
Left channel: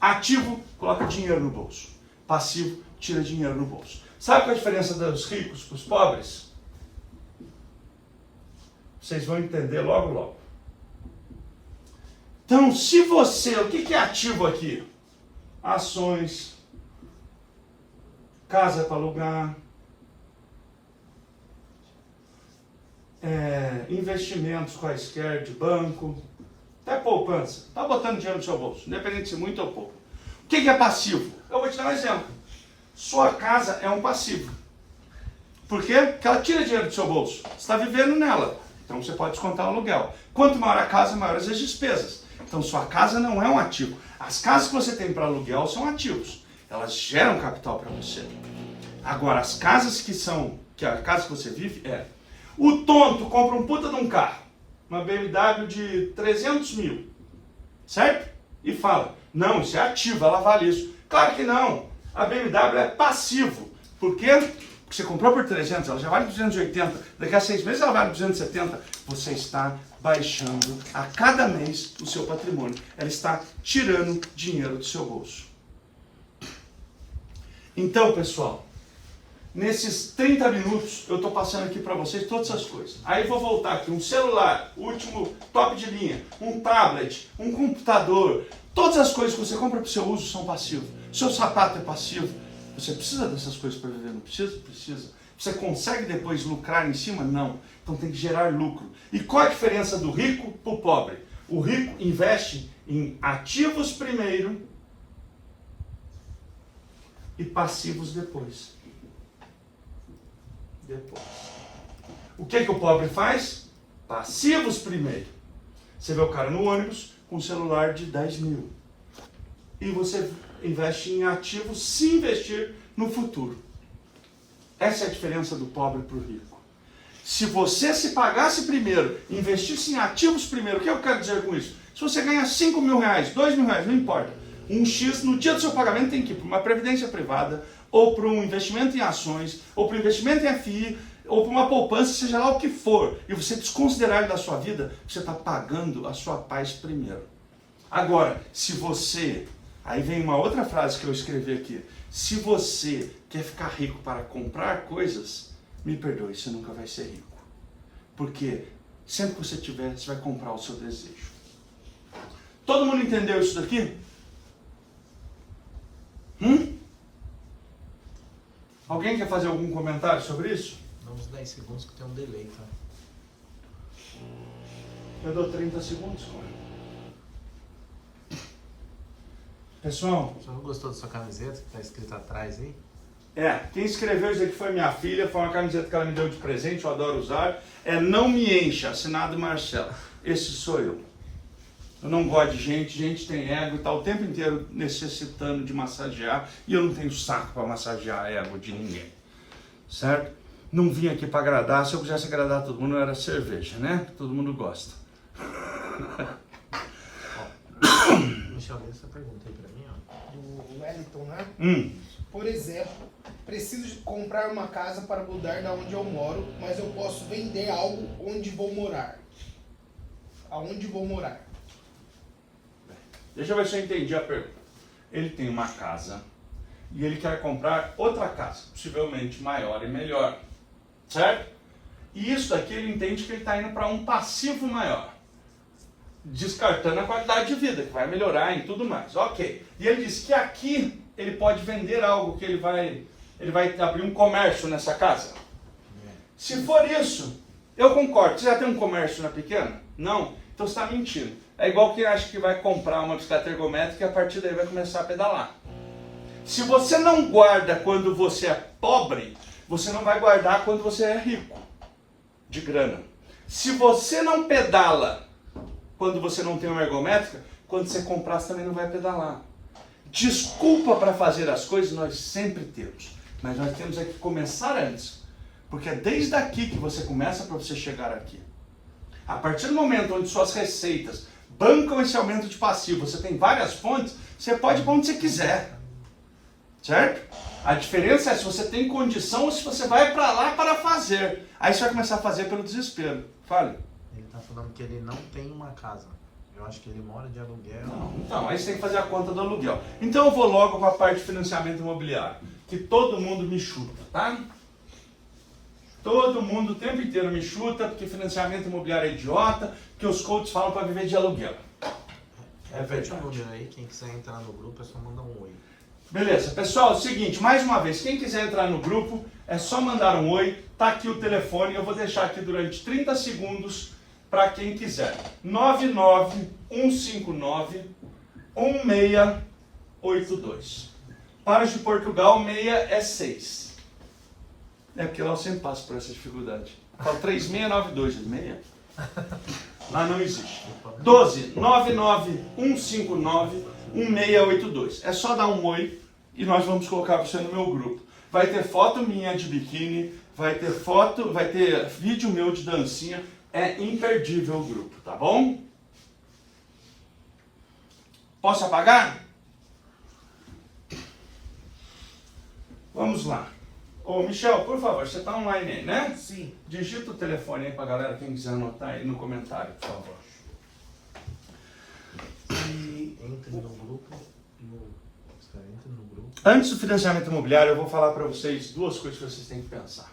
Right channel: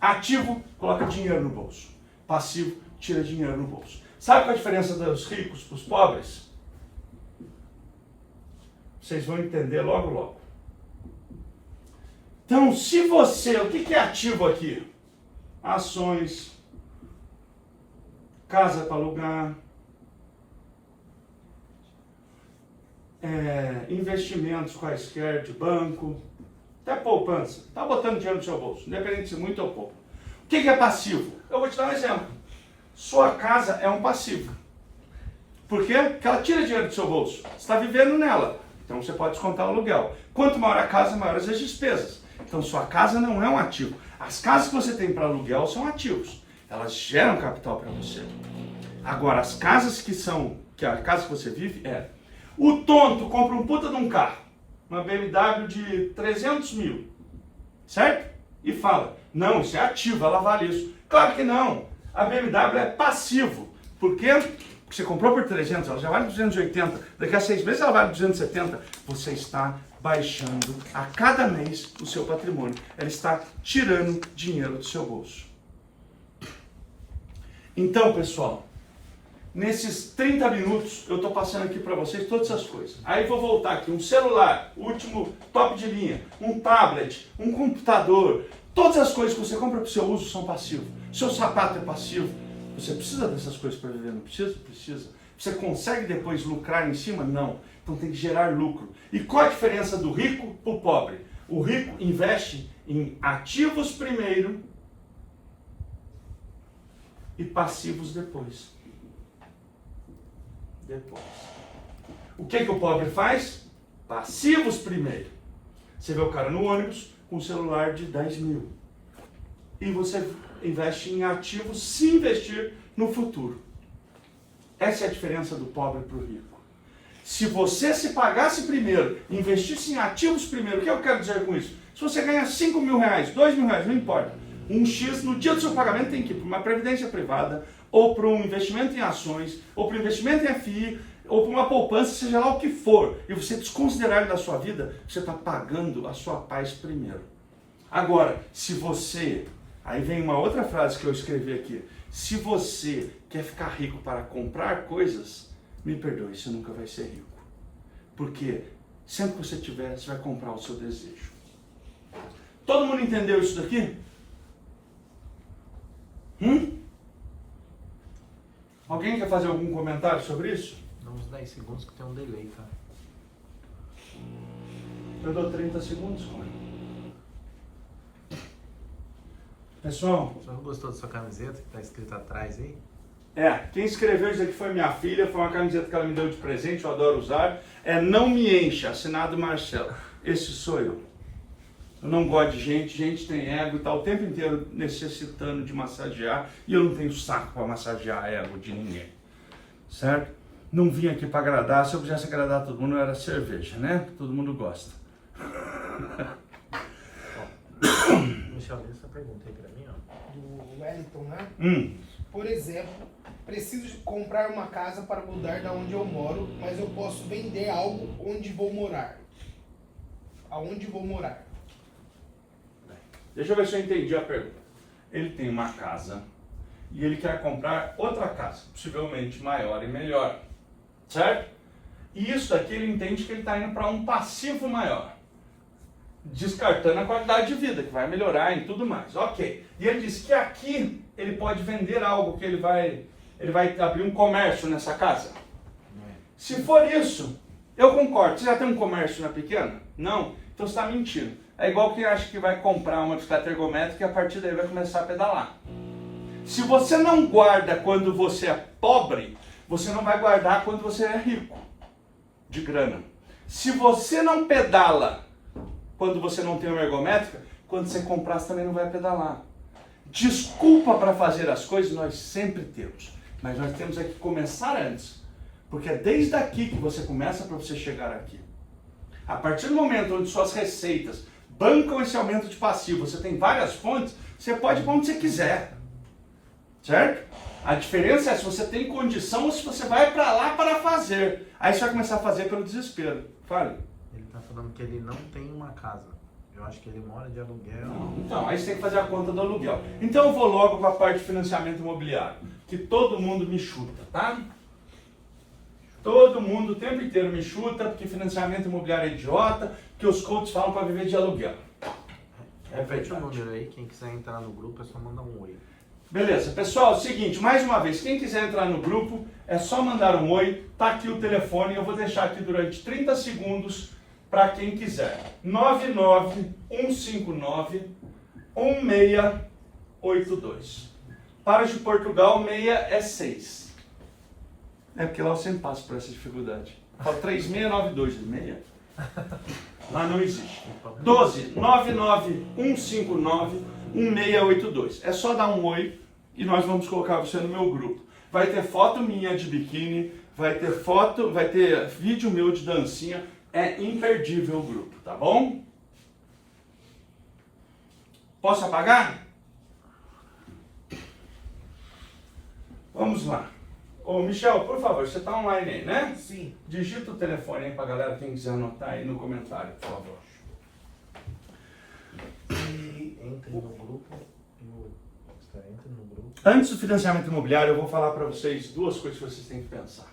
Ativo coloca dinheiro no bolso. Passivo tira dinheiro no bolso. Sabe qual é a diferença dos ricos para os pobres? Vocês vão entender logo, logo. Então, se você... O que é ativo aqui? Ações, casa para alugar, investimentos quaisquer de banco, até poupança. Está botando dinheiro no seu bolso, independente se muito ou pouco. O que é passivo? Eu vou te dar um exemplo. Sua casa é um passivo. Por quê? Porque ela tira dinheiro do seu bolso. Você está vivendo nela. Então você pode descontar o aluguel. Quanto maior a casa, maiores as despesas. Então sua casa não é um ativo. As casas que você tem para aluguel são ativos. Elas geram capital para você. Agora, as casas que a casa que você vive o tonto compra um puta de um carro, uma BMW de 300 mil, certo? E fala, não, isso é ativo, ela vale isso. Claro que não. A BMW é passivo. Por quê? que você comprou por 300, ela já vale 280, daqui a 6 meses ela vale 270, você está baixando a cada mês o seu patrimônio. Ela está tirando dinheiro do seu bolso. Então, pessoal, nesses 30 minutos eu estou passando aqui para vocês todas essas coisas. Aí vou voltar aqui, um celular, último top de linha, um tablet, um computador, todas as coisas que você compra para o seu uso são passivos. Seu sapato é passivo. Você precisa dessas coisas para viver? Não precisa? Precisa. Você consegue depois lucrar em cima? Não. Então tem que gerar lucro. E qual a diferença do rico para o pobre? O rico investe em ativos primeiro e passivos depois. O que o pobre faz? Passivos primeiro. Você vê o cara no ônibus com um celular de 10 mil. E você investe em ativos se investir no futuro. Essa é a diferença do pobre para o rico. Se você se pagasse primeiro, investisse em ativos primeiro, o que eu quero dizer com isso? Se você ganha 5 mil reais, 2 mil reais, não importa. Um X no dia do seu pagamento tem que ir para uma previdência privada, ou para um investimento em ações, ou para um investimento em FI, ou para uma poupança, seja lá o que for. E você desconsiderar da sua vida, você está pagando a sua paz primeiro. Agora, se você... Aí vem uma outra frase que eu escrevi aqui. Se você quer ficar rico para comprar coisas, me perdoe, você nunca vai ser rico. Porque sempre que você tiver, você vai comprar o seu desejo. Todo mundo entendeu isso daqui? Alguém quer fazer algum comentário sobre isso? Dá uns 10 segundos que tem um delay, tá? Eu dou 30 segundos. Pessoal, Você não gostou da sua camiseta que tá escrito atrás aí? quem escreveu isso aqui foi minha filha, foi uma camiseta que ela me deu de presente, eu adoro usar. É Não Me Encha, assinado Marcelo. Esse sou eu. Eu não gosto de gente, gente tem ego e tá o tempo inteiro necessitando de massagear e eu não tenho saco para massagear ego de ninguém. Certo? Não vim aqui para agradar, se eu quisesse agradar todo mundo, eu era cerveja, né? Todo mundo gosta. Michel, lê essa pergunta aí pra mim, ó. Do Wellington, né? Por exemplo, preciso comprar uma casa para mudar da onde eu moro, mas eu posso vender algo onde vou morar. Aonde vou morar? Deixa eu ver se eu entendi a pergunta. Ele tem uma casa e ele quer comprar outra casa, possivelmente maior e melhor, certo? E isso daqui ele entende que ele está indo para um passivo maior, descartando a qualidade de vida, que vai melhorar e tudo mais. Ok. E ele diz que aqui ele pode vender algo, que ele vai abrir um comércio nessa casa. Se for isso, eu concordo. Você já tem um comércio na pequena? Não? Então você está mentindo. É igual quem acha que vai comprar uma bicicleta ergométrica e a partir daí vai começar a pedalar. Se você não guarda quando você é pobre, você não vai guardar quando você é rico de grana. Se você não pedala quando você não tem uma ergométrica, quando você comprar você também não vai pedalar. Desculpa para fazer as coisas nós sempre temos, mas nós temos que começar antes. Porque é desde aqui que você começa para você chegar aqui. A partir do momento onde suas receitas bancam esse aumento de passivo, você tem várias fontes, você pode ir para onde você quiser. Certo? A diferença é se você tem condição ou se você vai para lá para fazer. Aí você vai começar a fazer pelo desespero. Fale. Ele tá falando que ele não tem uma casa. Eu acho que ele mora de aluguel. Não, então, aí você tem que fazer a conta do aluguel. Então eu vou logo para a parte de financiamento imobiliário, que todo mundo me chuta, tá? Todo mundo o tempo inteiro me chuta, porque financiamento imobiliário é idiota, que os coaches falam para viver de aluguel. Repete o número aí, quem quiser entrar no grupo é só mandar um oi. Beleza, pessoal, é o seguinte, mais uma vez, quem quiser entrar no grupo, é só mandar um oi, tá aqui o telefone, eu vou deixar aqui durante 30 segundos para quem quiser. 99159-1682. Para os de Portugal, 6 é 6. É porque lá eu sempre passo por essa dificuldade. Eu falo 3692, 6. Lá não existe. 12-99159-1682. É só dar um oi e nós vamos colocar você no meu grupo. Vai ter foto minha de biquíni, vai ter vídeo meu de dancinha. É imperdível o grupo, tá bom? Posso apagar? Vamos lá. Ô, Michel, por favor, você está online aí, né? Sim. Digita o telefone aí pra galera, quem quiser anotar aí no comentário, por favor. Entre no grupo. Entre no grupo. Antes do financiamento imobiliário, eu vou falar para vocês duas coisas que vocês têm que pensar.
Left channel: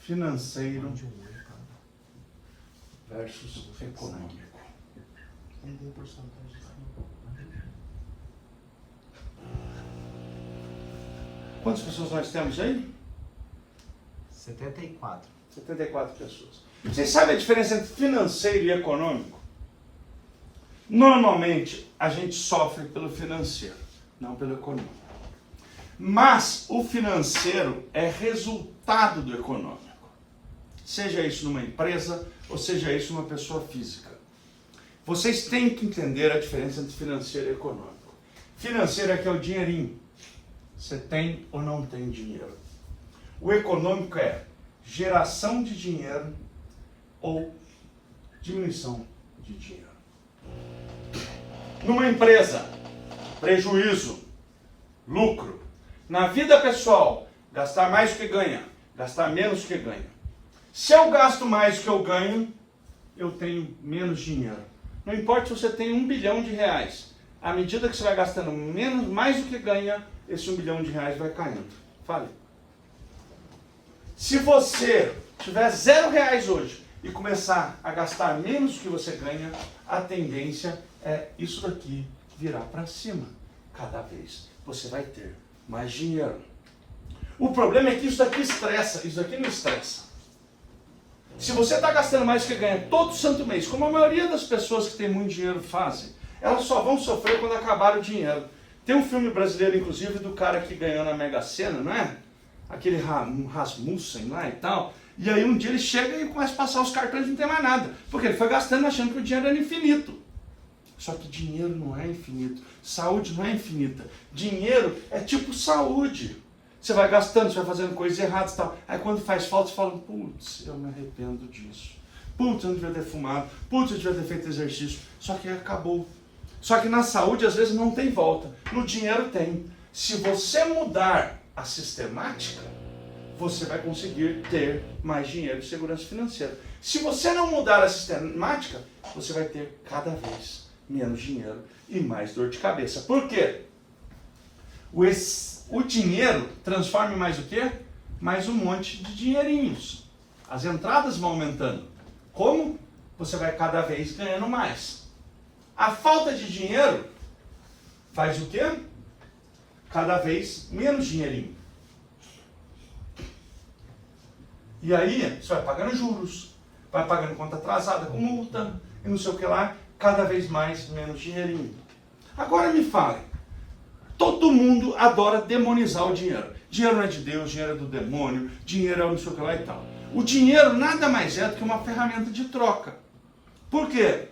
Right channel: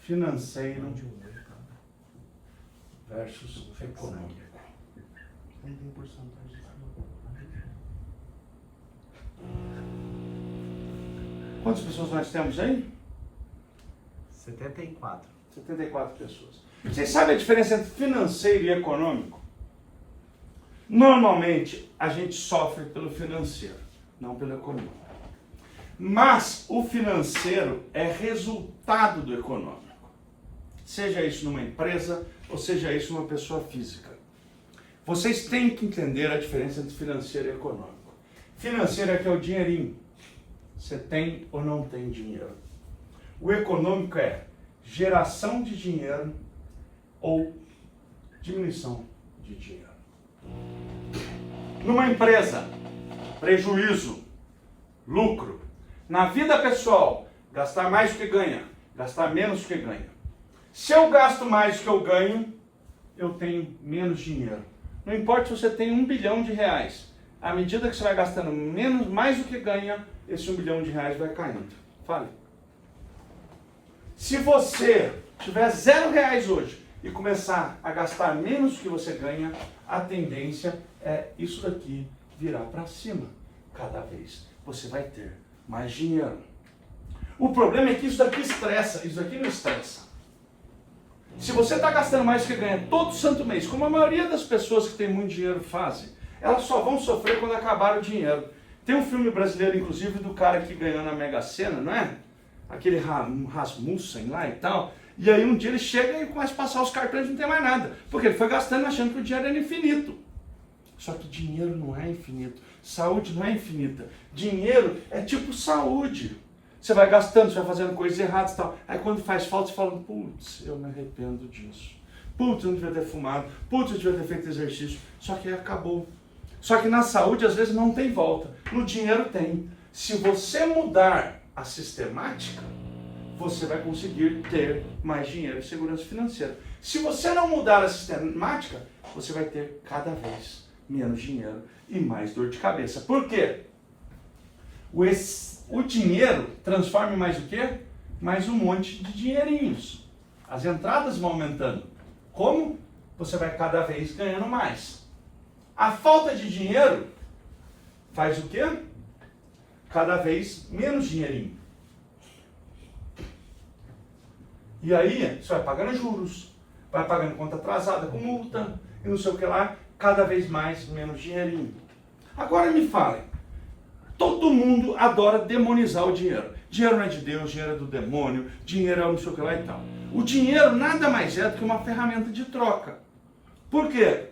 Financeiro versus econômico. Quantas pessoas nós temos aí? 74. 74 pessoas. Vocês sabem a diferença entre financeiro e econômico? Normalmente, a gente sofre pelo financeiro, não pelo econômico. Mas o financeiro é resultado do econômico. Seja isso numa empresa ou seja isso numa pessoa física. Vocês têm que entender a diferença entre financeiro e econômico. Financeiro é que é o dinheirinho. Você tem ou não tem dinheiro. O econômico é geração de dinheiro ou diminuição de dinheiro. Numa empresa, prejuízo, lucro. Na vida pessoal, gastar mais do que ganha, gastar menos do que ganha. Se eu gasto mais do que eu ganho, eu tenho menos dinheiro. Não importa se você tem 1 bilhão de reais. À medida que você vai gastando mais do que ganha, esse 1 bilhão de reais vai caindo. Fale. Se você tiver 0 reais hoje e começar a gastar menos do que você ganha, a tendência é isso daqui virar para cima. Cada vez você vai ter mais dinheiro. O problema é que isso daqui estressa, isso daqui não estressa. Se você está gastando mais do que ganha todo santo mês, como a maioria das pessoas que tem muito dinheiro fazem, elas só vão sofrer quando acabar o dinheiro. Tem um filme brasileiro, inclusive, do cara que ganhou na Mega Sena, não é? Aquele Rasmussen lá e tal. E aí um dia ele chega e começa a passar os cartões e não tem mais nada. Porque ele foi gastando achando que o dinheiro era infinito. Só que dinheiro não é infinito. Saúde não é infinita. Dinheiro é tipo saúde. Você vai gastando, você vai fazendo coisas erradas e tal. Aí quando faz falta, você fala, putz, eu me arrependo disso. Putz, eu não devia ter fumado. Putz, eu devia ter feito exercício. Só que acabou. Só que na saúde, às vezes, não tem volta. No dinheiro tem. Se você mudar a sistemática, você vai conseguir ter mais dinheiro e segurança financeira. Se você não mudar a sistemática, você vai ter cada vez menos dinheiro e mais dor de cabeça. Por quê? O dinheiro transforma em mais o quê? Mais um monte de dinheirinhos. As entradas vão aumentando. Como? Você vai cada vez ganhando mais. A falta de dinheiro faz o quê? Cada vez menos dinheirinho. E aí, você vai pagando juros, vai pagando conta atrasada com multa, e não sei o que lá, cada vez mais, menos dinheirinho. Agora me falem, todo mundo adora demonizar o dinheiro. Dinheiro não é de Deus, dinheiro é do demônio, dinheiro é não sei o que lá e tal. O dinheiro nada mais é do que uma ferramenta de troca. Por quê?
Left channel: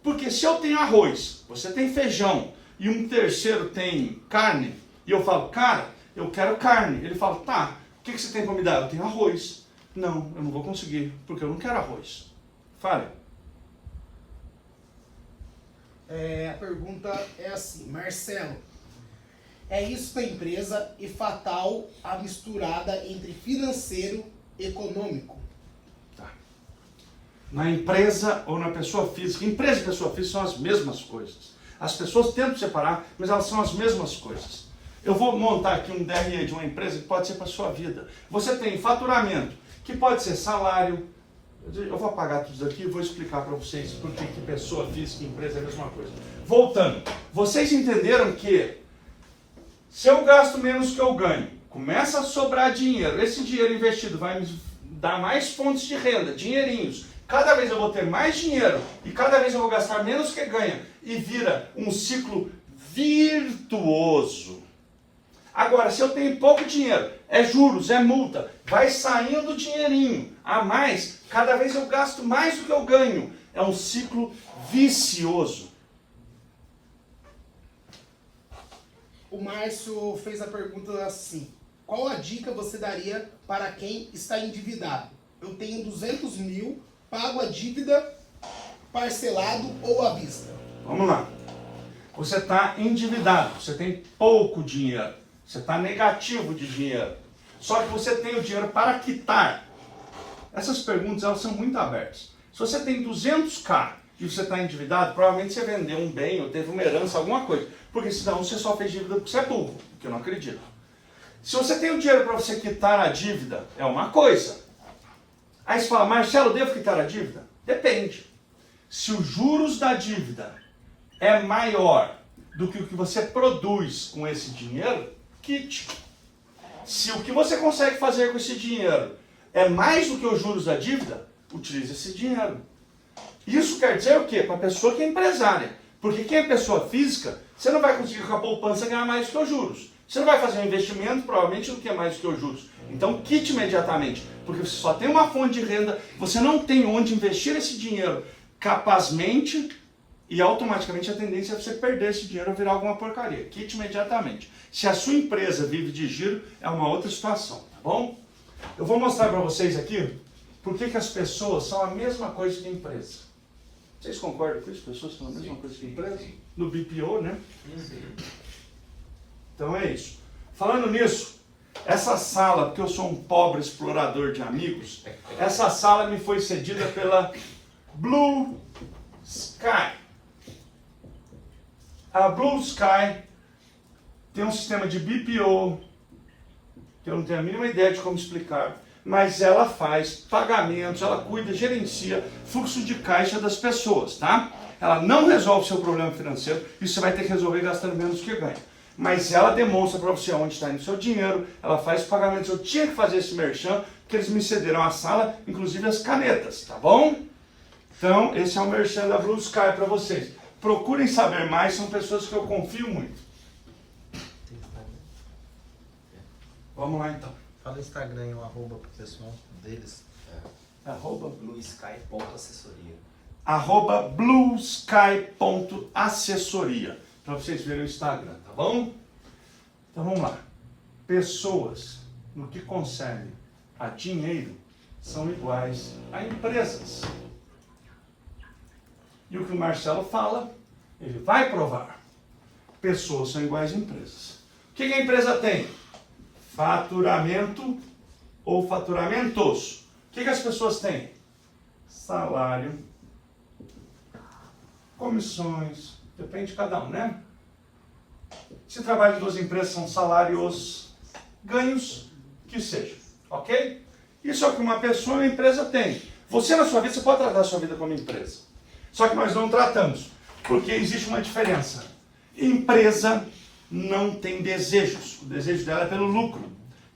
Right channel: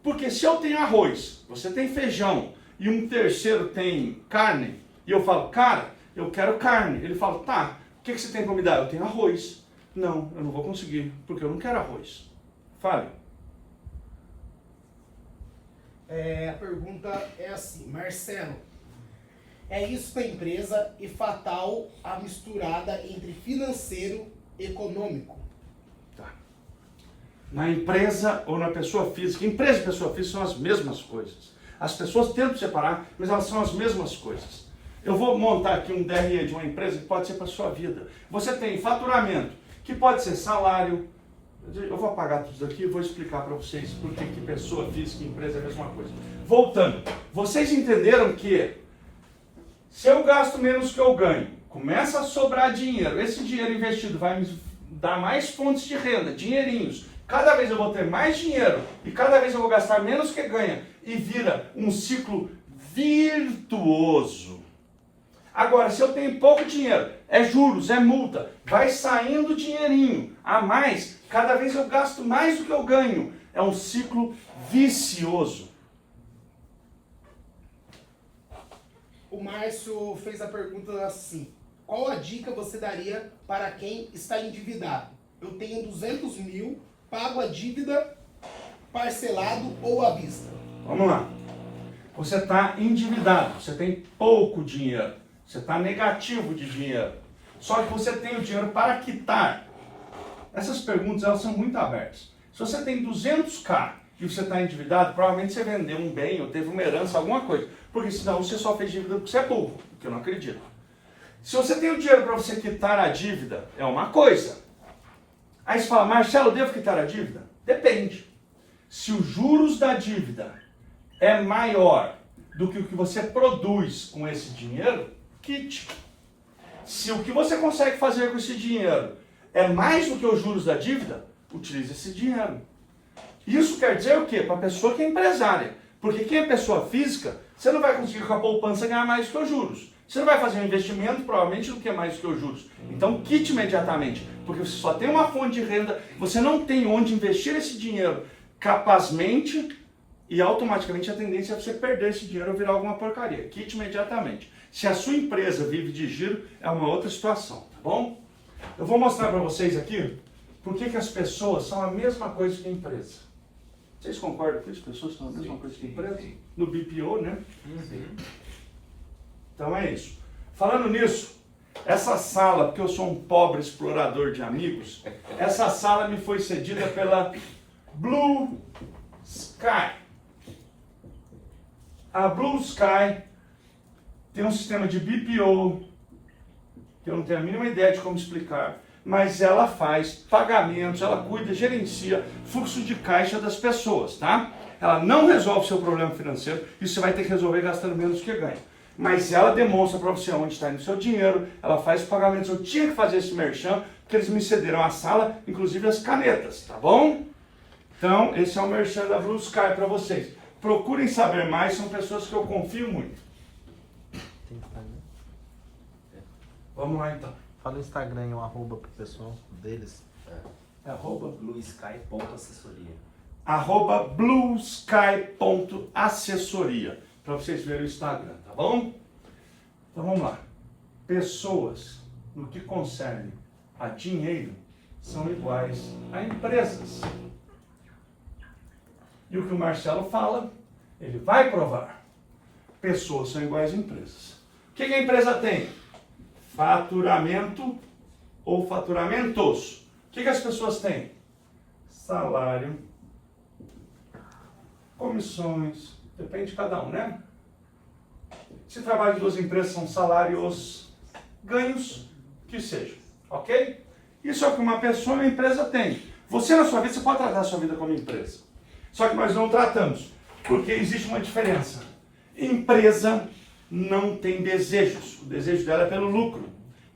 Porque se eu tenho arroz, você tem feijão, e um terceiro tem carne, e eu falo, cara, eu quero carne. Ele fala, tá, o que você tem para me dar? Eu tenho arroz. Não, eu não vou conseguir, porque eu não quero arroz. Fale. A pergunta é assim, Marcelo, é isso da empresa e fatal a misturada entre financeiro e econômico? Tá. Na empresa ou na pessoa física, empresa e pessoa física são as mesmas coisas. As pessoas tentam separar, mas elas são as mesmas coisas. Eu vou montar aqui um DRE de uma empresa que pode ser para a sua vida. Você tem faturamento, que pode ser salário. Eu vou apagar tudo isso aqui e vou explicar para vocês por que pessoa física e empresa é a mesma coisa. Voltando, vocês entenderam que se eu gasto menos que eu ganho, começa a sobrar dinheiro, esse dinheiro investido vai me dar mais fontes de renda, dinheirinhos. Cada vez eu vou ter mais dinheiro e cada vez eu vou gastar menos que ganha e vira um ciclo virtuoso. Agora, se eu tenho pouco dinheiro, é juros, é multa, vai saindo dinheirinho a mais, cada vez eu gasto mais do que eu ganho. É um ciclo vicioso. O Márcio fez a pergunta assim, qual a dica você daria para quem está endividado? Eu tenho 200 mil, pago a dívida parcelado ou à vista? Vamos lá. Você está endividado, você tem pouco dinheiro. Você está negativo de dinheiro. Só que você tem o dinheiro para quitar. Essas perguntas, elas são muito abertas. Se você tem 200k e você está endividado, provavelmente você vendeu um bem ou teve uma herança, alguma coisa. Porque senão você só fez dívida porque você é burro, que eu não acredito. Se você tem o dinheiro para você quitar a dívida, é uma coisa. Aí você fala, Marcelo, devo quitar a dívida? Depende. Se os juros da dívida é maior do que o que você produz com esse dinheiro, quite. Se o que você consegue fazer com esse dinheiro é mais do que os juros da dívida, utilize esse dinheiro. Isso quer dizer o quê? Para a pessoa que é empresária. Porque quem é pessoa física, você não vai conseguir com a poupança ganhar mais do que os juros. Você não vai fazer um investimento, provavelmente, do que é mais do que os juros. Então, quite imediatamente. Porque você só tem uma fonte de renda, você não tem onde investir esse dinheiro capazmente e automaticamente a tendência é você perder esse dinheiro ou virar alguma porcaria. Quite imediatamente. Se a sua empresa vive de giro, é uma outra situação, tá bom? Eu vou mostrar para vocês aqui por que as pessoas são a mesma coisa que a empresa. Vocês concordam com isso? As pessoas são a mesma coisa que a empresa? No BPO, né? Então é isso. Falando nisso, essa sala, porque eu sou um pobre explorador de amigos, essa sala me foi cedida pela Blue Sky. A Blue Sky tem um sistema de BPO, que eu não tenho a mínima ideia de como explicar, mas ela faz pagamentos, ela cuida, gerencia fluxo de caixa das pessoas, tá? Ela não resolve seu problema financeiro, isso você vai ter que resolver gastando menos do que ganha. Mas ela demonstra para você onde está indo o seu dinheiro, ela faz pagamentos. Eu tinha que fazer esse merchan, porque eles me cederam a sala, inclusive as canetas, tá bom? Então, esse é o merchan da Blue Sky para vocês. Procurem saber mais, são pessoas que eu confio muito. Vamos lá então. Fala o Instagram e um arroba pro pessoal deles. É arroba bluesky.assessoria. arroba bluesky.assessoria, para vocês verem o Instagram, tá bom? Então vamos lá. Pessoas, no que concerne a dinheiro, são iguais a empresas. E o que o Marcelo fala, ele vai provar. Pessoas são iguais a empresas. O que a empresa tem? Faturamento ou faturamentos. O que as pessoas têm? Salário, comissões, depende de cada um, né? Se trabalho de duas empresas são salários, ganhos, que seja, ok? Isso é o que uma pessoa e uma empresa tem. Você na sua vida, você pode tratar a sua vida como empresa. Só que nós não tratamos, porque existe uma diferença. Empresa não tem desejos, o desejo dela é pelo lucro.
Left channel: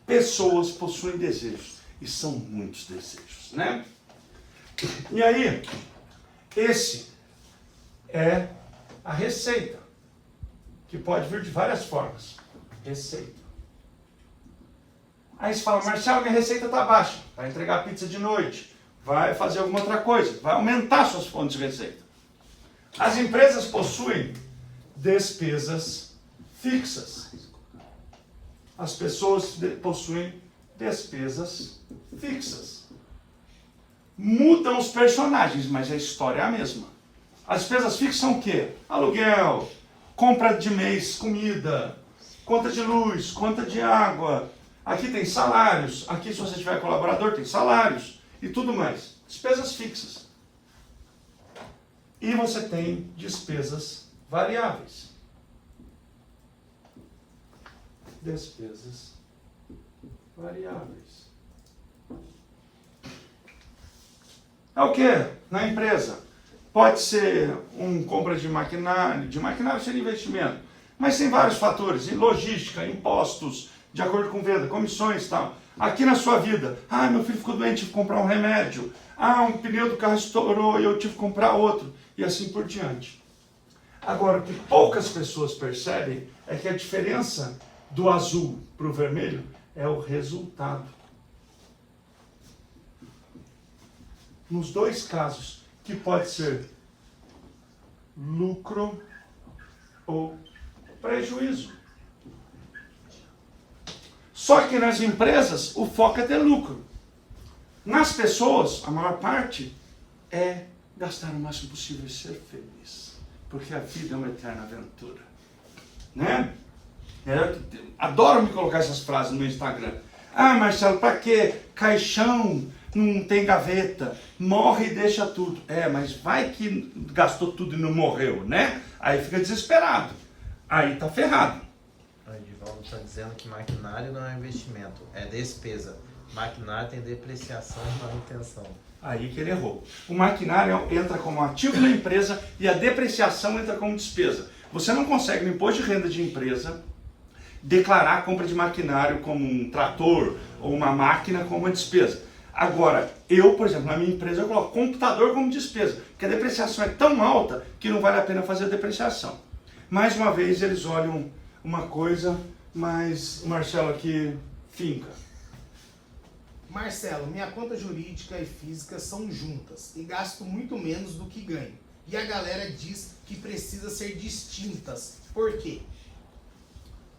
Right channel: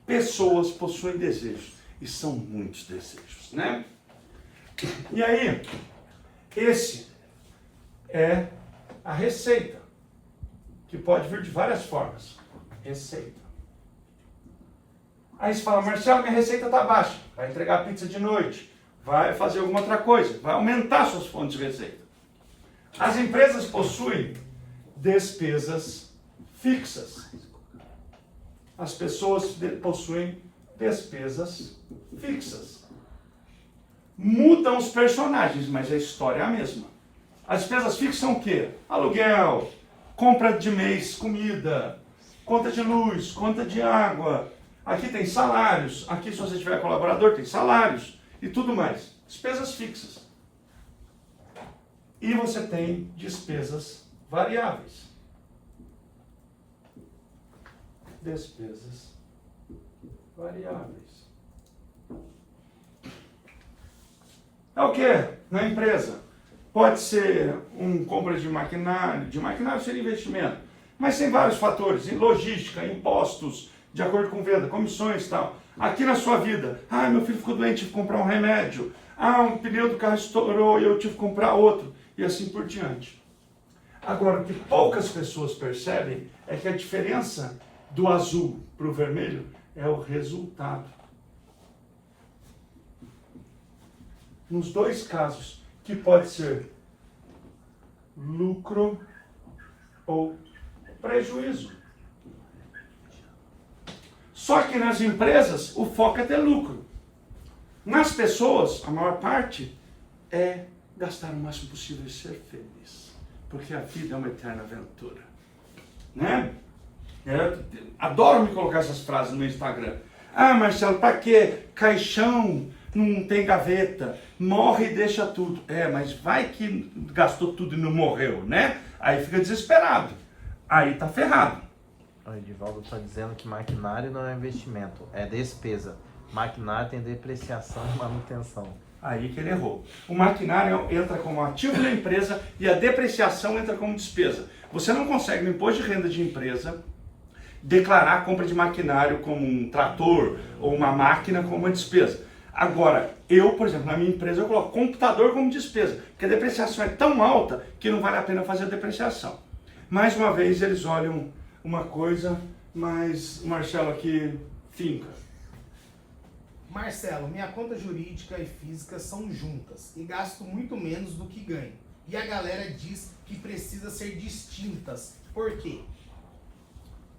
Pessoas possuem desejos, e são muitos desejos, né? E aí, esse é a receita, que pode vir de várias formas. Receita. Aí você fala, Marcelo, minha receita está baixa. Vai entregar pizza de noite, vai fazer alguma outra coisa, vai aumentar suas fontes de receita. As empresas possuem despesas fixas. As pessoas possuem despesas fixas. Mudam os personagens, mas a história é a mesma. As despesas fixas são o quê? Aluguel, compra de mês, comida, conta de luz, conta de água. Aqui tem salários, aqui se você tiver colaborador tem salários e tudo mais. Despesas fixas. E você tem despesas variáveis. Despesas variáveis. É o que na empresa? Pode ser compra de maquinário seria investimento, mas tem vários fatores, logística, impostos, de acordo com venda, comissões e tal. Aqui na sua vida, meu filho ficou doente, tive que comprar um remédio, um pneu do carro estourou e eu tive que comprar outro, e assim por diante. Agora, o que poucas pessoas percebem é que a diferença do azul para o vermelho é o resultado. Nos dois casos, que pode ser lucro ou prejuízo. Só que nas empresas, o foco é ter lucro. Nas pessoas, a maior parte é gastar o máximo possível e ser feliz. Porque a vida é uma eterna aventura. Né? Adoro me colocar essas frases no meu Instagram. Ah, Marcelo, pra quê? Caixão não tem gaveta, morre e deixa tudo. Mas vai que gastou tudo e não morreu, né? Aí fica desesperado. Aí tá ferrado. O Edivaldo está dizendo que maquinário não é investimento, é despesa. Maquinário tem depreciação e manutenção. Aí que ele errou. O maquinário entra como ativo na empresa e a depreciação entra como despesa. Você não consegue no imposto de renda de empresa declarar a compra de maquinário como um trator ou uma máquina como uma despesa. Agora, eu, por exemplo, na minha empresa eu coloco computador como despesa, porque a depreciação é tão alta que não vale a pena fazer a depreciação. Mais uma vez eles olham uma coisa, mas o Marcelo aqui finca. Marcelo, minha conta jurídica e física são juntas e gasto muito menos do que ganho. E a galera diz que precisa ser distintas. Por quê?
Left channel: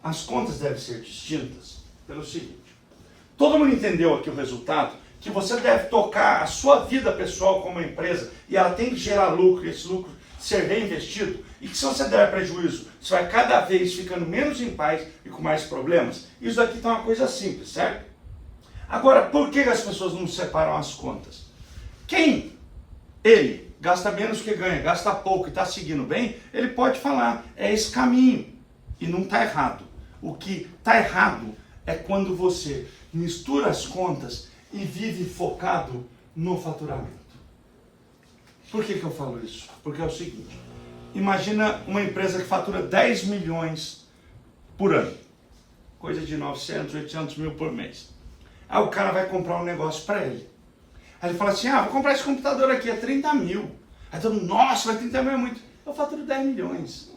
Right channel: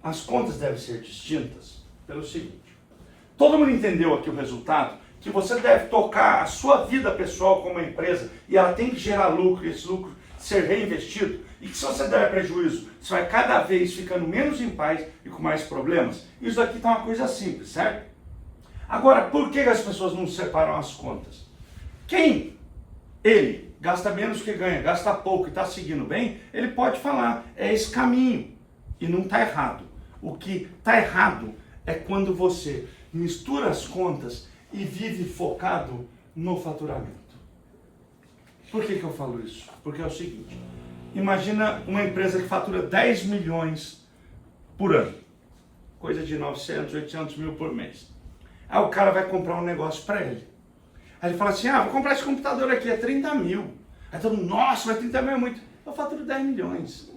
As contas devem ser distintas pelo seguinte. Todo mundo entendeu aqui o resultado? Que você deve tocar a sua vida pessoal como uma empresa e ela tem que gerar lucro e esse lucro ser reinvestido. E que se você der prejuízo, você vai cada vez ficando menos em paz e com mais problemas. Isso aqui tá uma coisa simples, certo? Agora, por que as pessoas não separam as contas? Quem ele gasta menos que ganha, gasta pouco e está seguindo bem, ele pode falar, é esse caminho. E não está errado. O que está errado é quando você mistura as contas e vive focado no faturamento. Por que eu falo isso? Porque é o seguinte, imagina uma empresa que fatura 10 milhões por ano, coisa de 900, 800 mil por mês. Aí o cara vai comprar um negócio para ele. Aí ele fala assim, vou comprar esse computador aqui, é 30 mil. Aí todo mundo, nossa, mas 30 mil é muito. Eu faturo 10 milhões.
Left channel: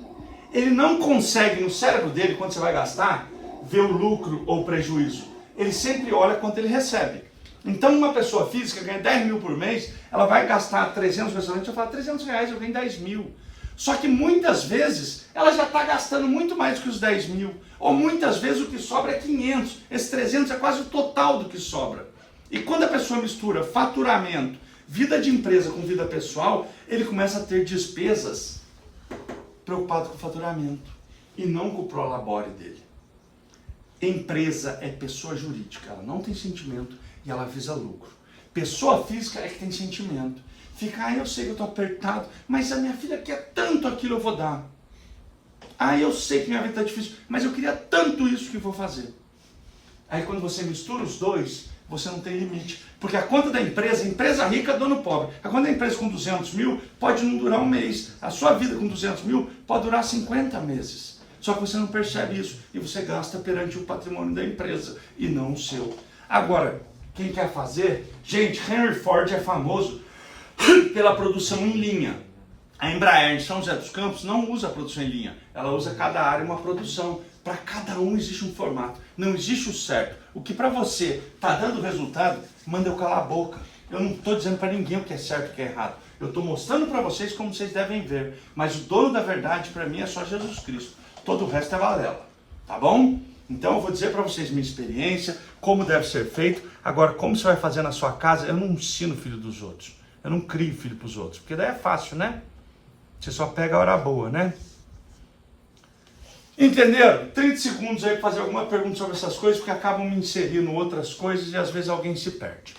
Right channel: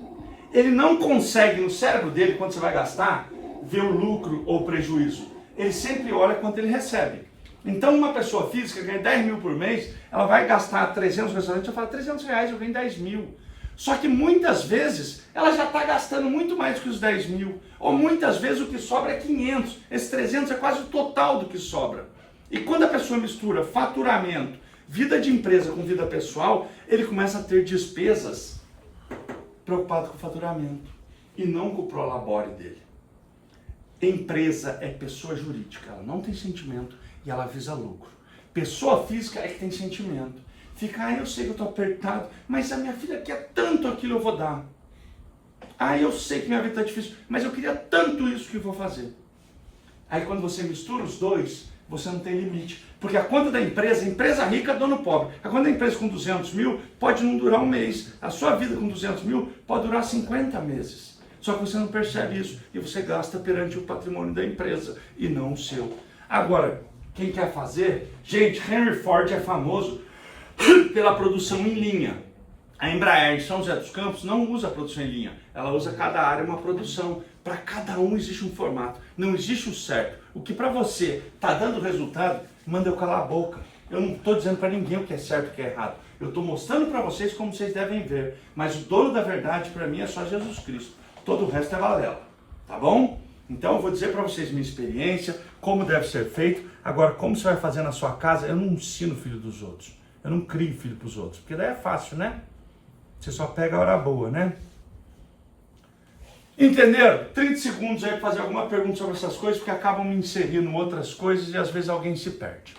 Ele não consegue, no cérebro dele, quando você vai gastar, ver o lucro ou o prejuízo. Ele sempre olha quanto ele recebe. Então uma pessoa física ganha 10 mil por mês, ela vai gastar 300 no restaurante, eu falo, 300 reais, eu ganho 10 mil. Só que muitas vezes ela já está gastando muito mais do que os 10 mil. Ou muitas vezes o que sobra é 500. Esse 300 é quase o total do que sobra. E quando a pessoa mistura faturamento, vida de empresa com vida pessoal, ele começa a ter despesas preocupado com o faturamento e não com o prolabore dele. Empresa é pessoa jurídica, ela não tem sentimento e ela visa lucro. Pessoa física é que tem sentimento. Fica, eu sei que eu estou apertado, mas a minha filha quer tanto aquilo, eu vou dar. Eu sei que minha vida está difícil, mas eu queria tanto isso que eu vou fazer. Aí quando você mistura os dois, você não tem limite. Porque a conta da empresa rica, dono pobre. A conta da empresa com 200 mil pode não durar um mês. A sua vida com 200 mil pode durar 50 meses. Só que você não percebe isso e você gasta perante o patrimônio da empresa e não o seu. Agora, quem quer fazer? Gente, Henry Ford é famoso pela produção em linha. A Embraer em São José dos Campos não usa produção em linha. Ela usa cada área uma produção. Para cada um existe um formato. Não existe o certo. O que para você está dando resultado, manda eu calar a boca. Eu não estou dizendo para ninguém o que é certo e o que é errado. Eu estou mostrando para vocês como vocês devem ver. Mas o dono da verdade para mim é só Jesus Cristo. Todo o resto é balela. Tá bom? Então eu vou dizer para vocês minha experiência, como deve ser feito. Agora, como você vai fazer na sua casa, eu não ensino filho dos outros. Eu não crio filho para os outros. Porque daí é fácil, né? Você só pega a hora boa, né? Entenderam? 30 segundos aí para fazer alguma pergunta sobre essas coisas, porque acabam me inserindo outras coisas e às vezes alguém se perde.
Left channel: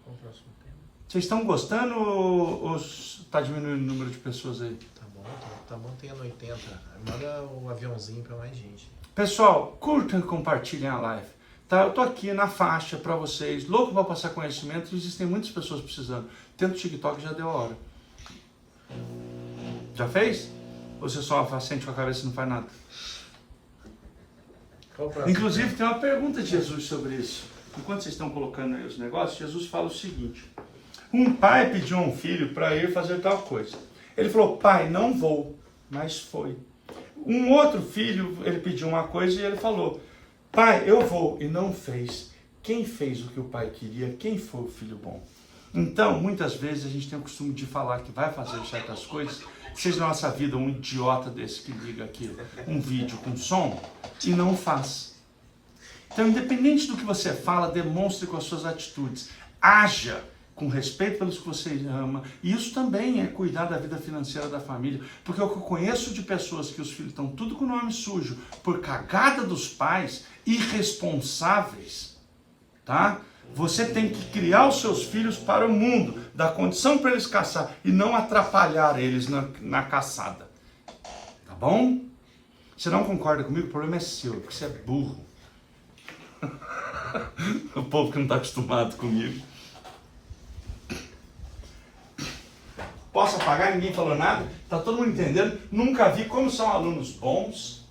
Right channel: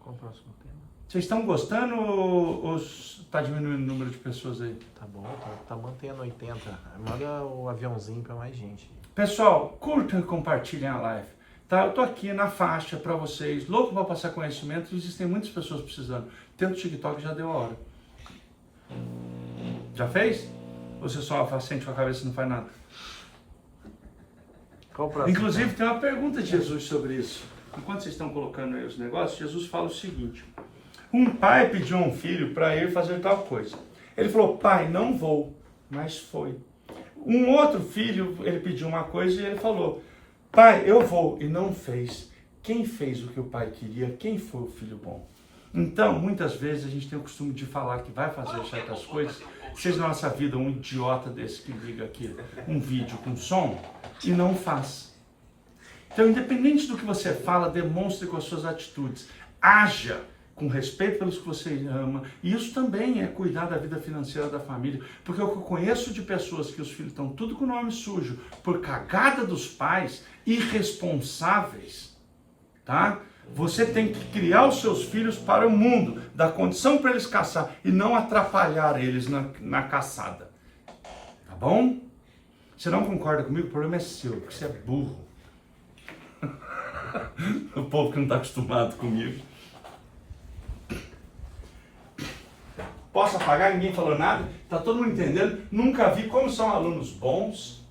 Qual o próximo tema? Vocês estão gostando ou está diminuindo o número de pessoas aí? Tá bom, tá mantendo 80. Manda o aviãozinho para mais gente. Pessoal, curtam e compartilhem a live. Tá? Eu tô aqui na faixa para vocês, louco para passar conhecimento, existem muitas pessoas precisando. Tendo o TikTok já deu a hora. Já fez? Ou você só sente com a cabeça e não faz nada? Qual o próximo? Inclusive tem uma pergunta de Jesus sobre isso. Enquanto vocês estão colocando aí os negócios, Jesus fala o seguinte. Um pai pediu a um filho para ir fazer tal coisa. Ele falou, pai, não vou, mas foi. Um outro filho, ele pediu uma coisa e ele falou, pai, eu vou, e não fez. Quem fez o que o pai queria? Quem foi o filho bom? Então, muitas vezes a gente tem o costume de falar que vai fazer certas coisas, seja na nossa vida um idiota desse que liga aqui um vídeo com som e não faz. Então, independente do que você fala, demonstre com as suas atitudes. Haja com respeito pelos que você ama. E isso também é cuidar da vida financeira da família. Porque o que eu conheço de pessoas que os filhos estão tudo com o nome sujo por cagada dos pais, irresponsáveis, tá? Você tem que criar os seus filhos para o mundo, dar condição para eles caçar e não atrapalhar eles na caçada. Tá bom? Você não concorda comigo? O problema é seu, porque você é burro. O povo que não está acostumado comigo. Posso apagar? Ninguém falou nada? Está todo mundo entendendo? Nunca vi como são alunos bons.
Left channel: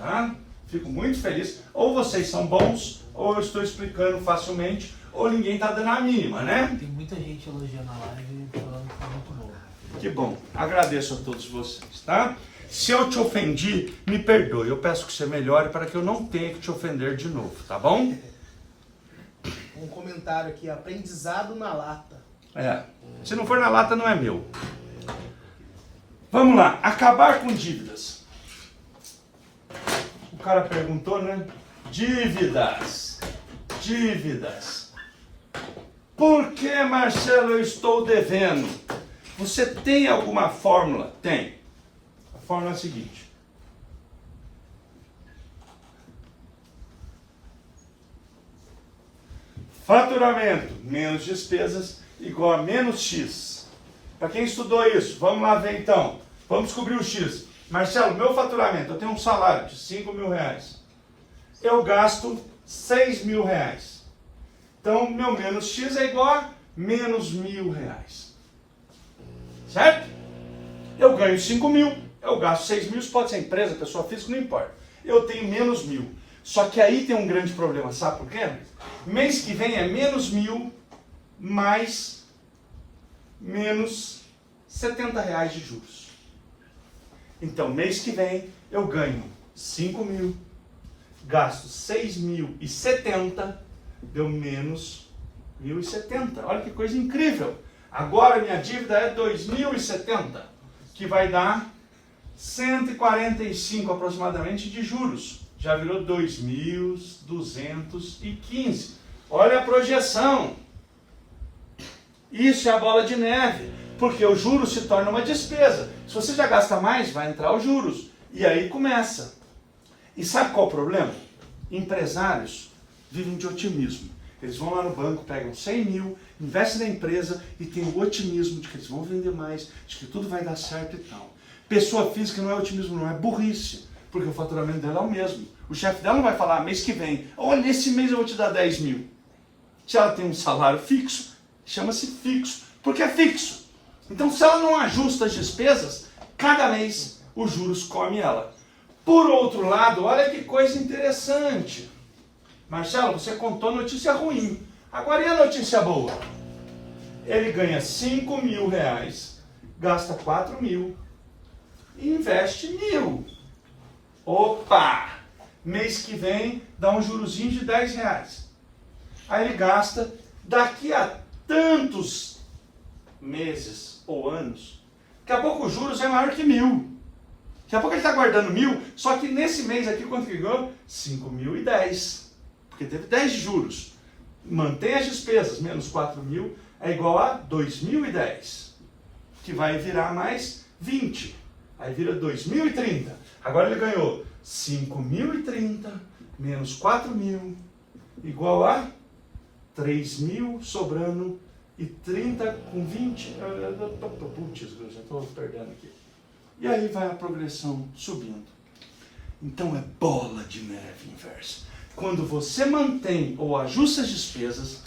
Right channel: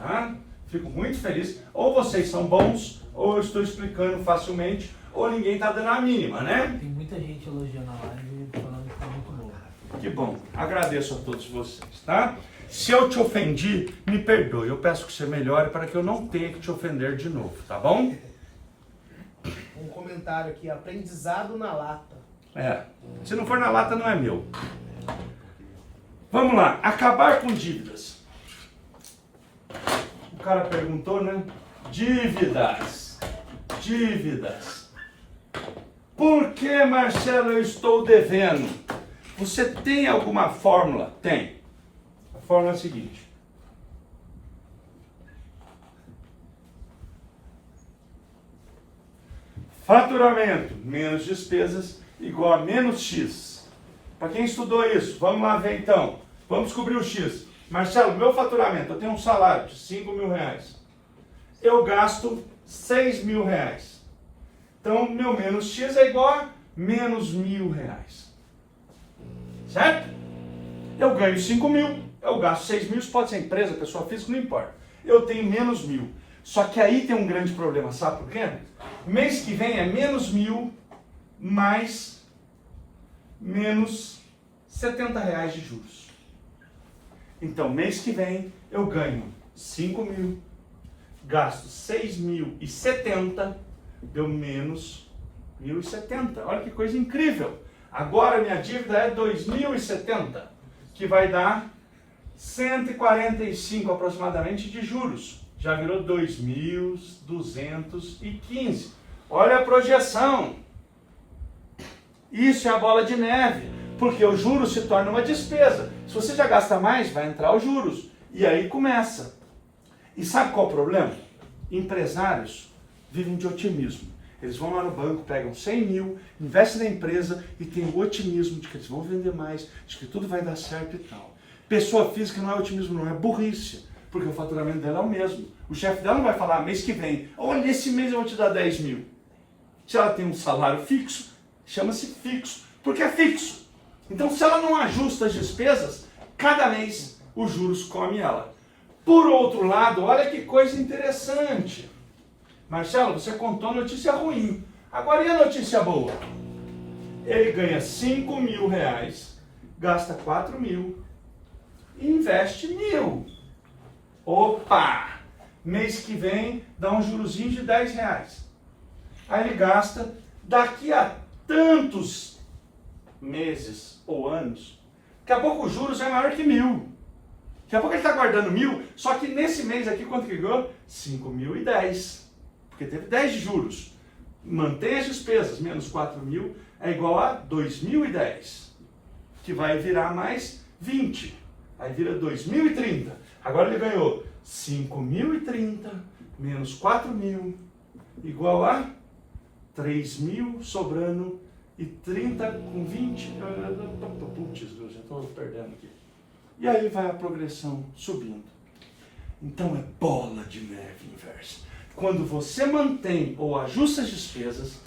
Tá? Fico muito feliz. Ou vocês são bons, ou eu estou explicando facilmente, ou ninguém está dando a mínima, né? Tem muita gente elogiando a live e falando que foi muito boa. Que bom. Agradeço a todos vocês, tá? Se eu te ofendi, me perdoe. Eu peço que você melhore para que eu não tenha que te ofender de novo, tá bom? Um comentário aqui, aprendizado na lata. É. Se não for na lata, não é meu. Vamos lá. Acabar com dívidas. O cara perguntou, né? Dívidas. Dívidas. Por que, Marcelo, eu estou devendo? Você tem alguma fórmula? Tem. A fórmula é a seguinte. Faturamento menos despesas igual a menos X. Para quem estudou isso, vamos lá ver então. Vamos descobrir o X. Marcelo, meu faturamento, eu tenho um salário de 5 mil reais. Eu gasto 6 mil reais. Então, meu menos X é igual a menos 1.000 reais. Certo? Eu ganho 5 mil, eu gasto 6 mil, isso pode ser empresa, pessoa física, não importa. Eu tenho menos 1.000. Só que aí tem um grande problema, sabe por quê? Mês que vem é menos 1.000 mais menos 70 reais de juros. Então, mês que vem eu ganho 5 mil, gasto 6.070, deu menos 1.070. Olha que coisa incrível. Agora minha dívida é 2.070, que vai dar 145 aproximadamente de juros. Já virou 2.215. Olha a projeção. Isso é a bola de neve, porque o juros se torna uma despesa. Se você já gasta mais, vai entrar os juros. E aí começa. E sabe qual é o problema? Empresários vivem de otimismo. Eles vão lá no banco, pegam 100 mil, investem na empresa e têm o otimismo de que eles vão vender mais, de que tudo vai dar certo e tal. Pessoa física não é otimismo, não é burrice, porque o faturamento dela é o mesmo. O chefe dela não vai falar mês que vem, olha, esse mês eu vou te dar 10 mil. Se ela tem um salário fixo, chama-se fixo, porque é fixo. Então, se ela não ajusta as despesas, cada mês os juros comem ela. Por outro lado, olha que coisa interessante. Marcelo, você contou notícia ruim. Agora e a notícia boa? Ele ganha 5 mil reais, gasta 4 mil e investe 1.000. Opa! Mês que vem dá um jurozinho de 10 reais. Aí ele gasta, daqui a tantos meses ou anos, daqui a pouco os juros é maior que 1.000. Daqui a pouco ele está guardando 1.000, só que nesse mês aqui, quanto que ganhou? 5.010. Porque teve 10 de juros. Mantém as despesas, menos 4.000, é igual a 2.010. Que vai virar mais 20. Aí vira 2.030. Agora ele ganhou 5.030 menos 4.000, igual a 3.000 sobrando e 30 com 20. Putz, eu já estou perdendo aqui. E aí vai a progressão subindo. Então é bola de neve inversa. Quando você mantém ou ajusta as despesas,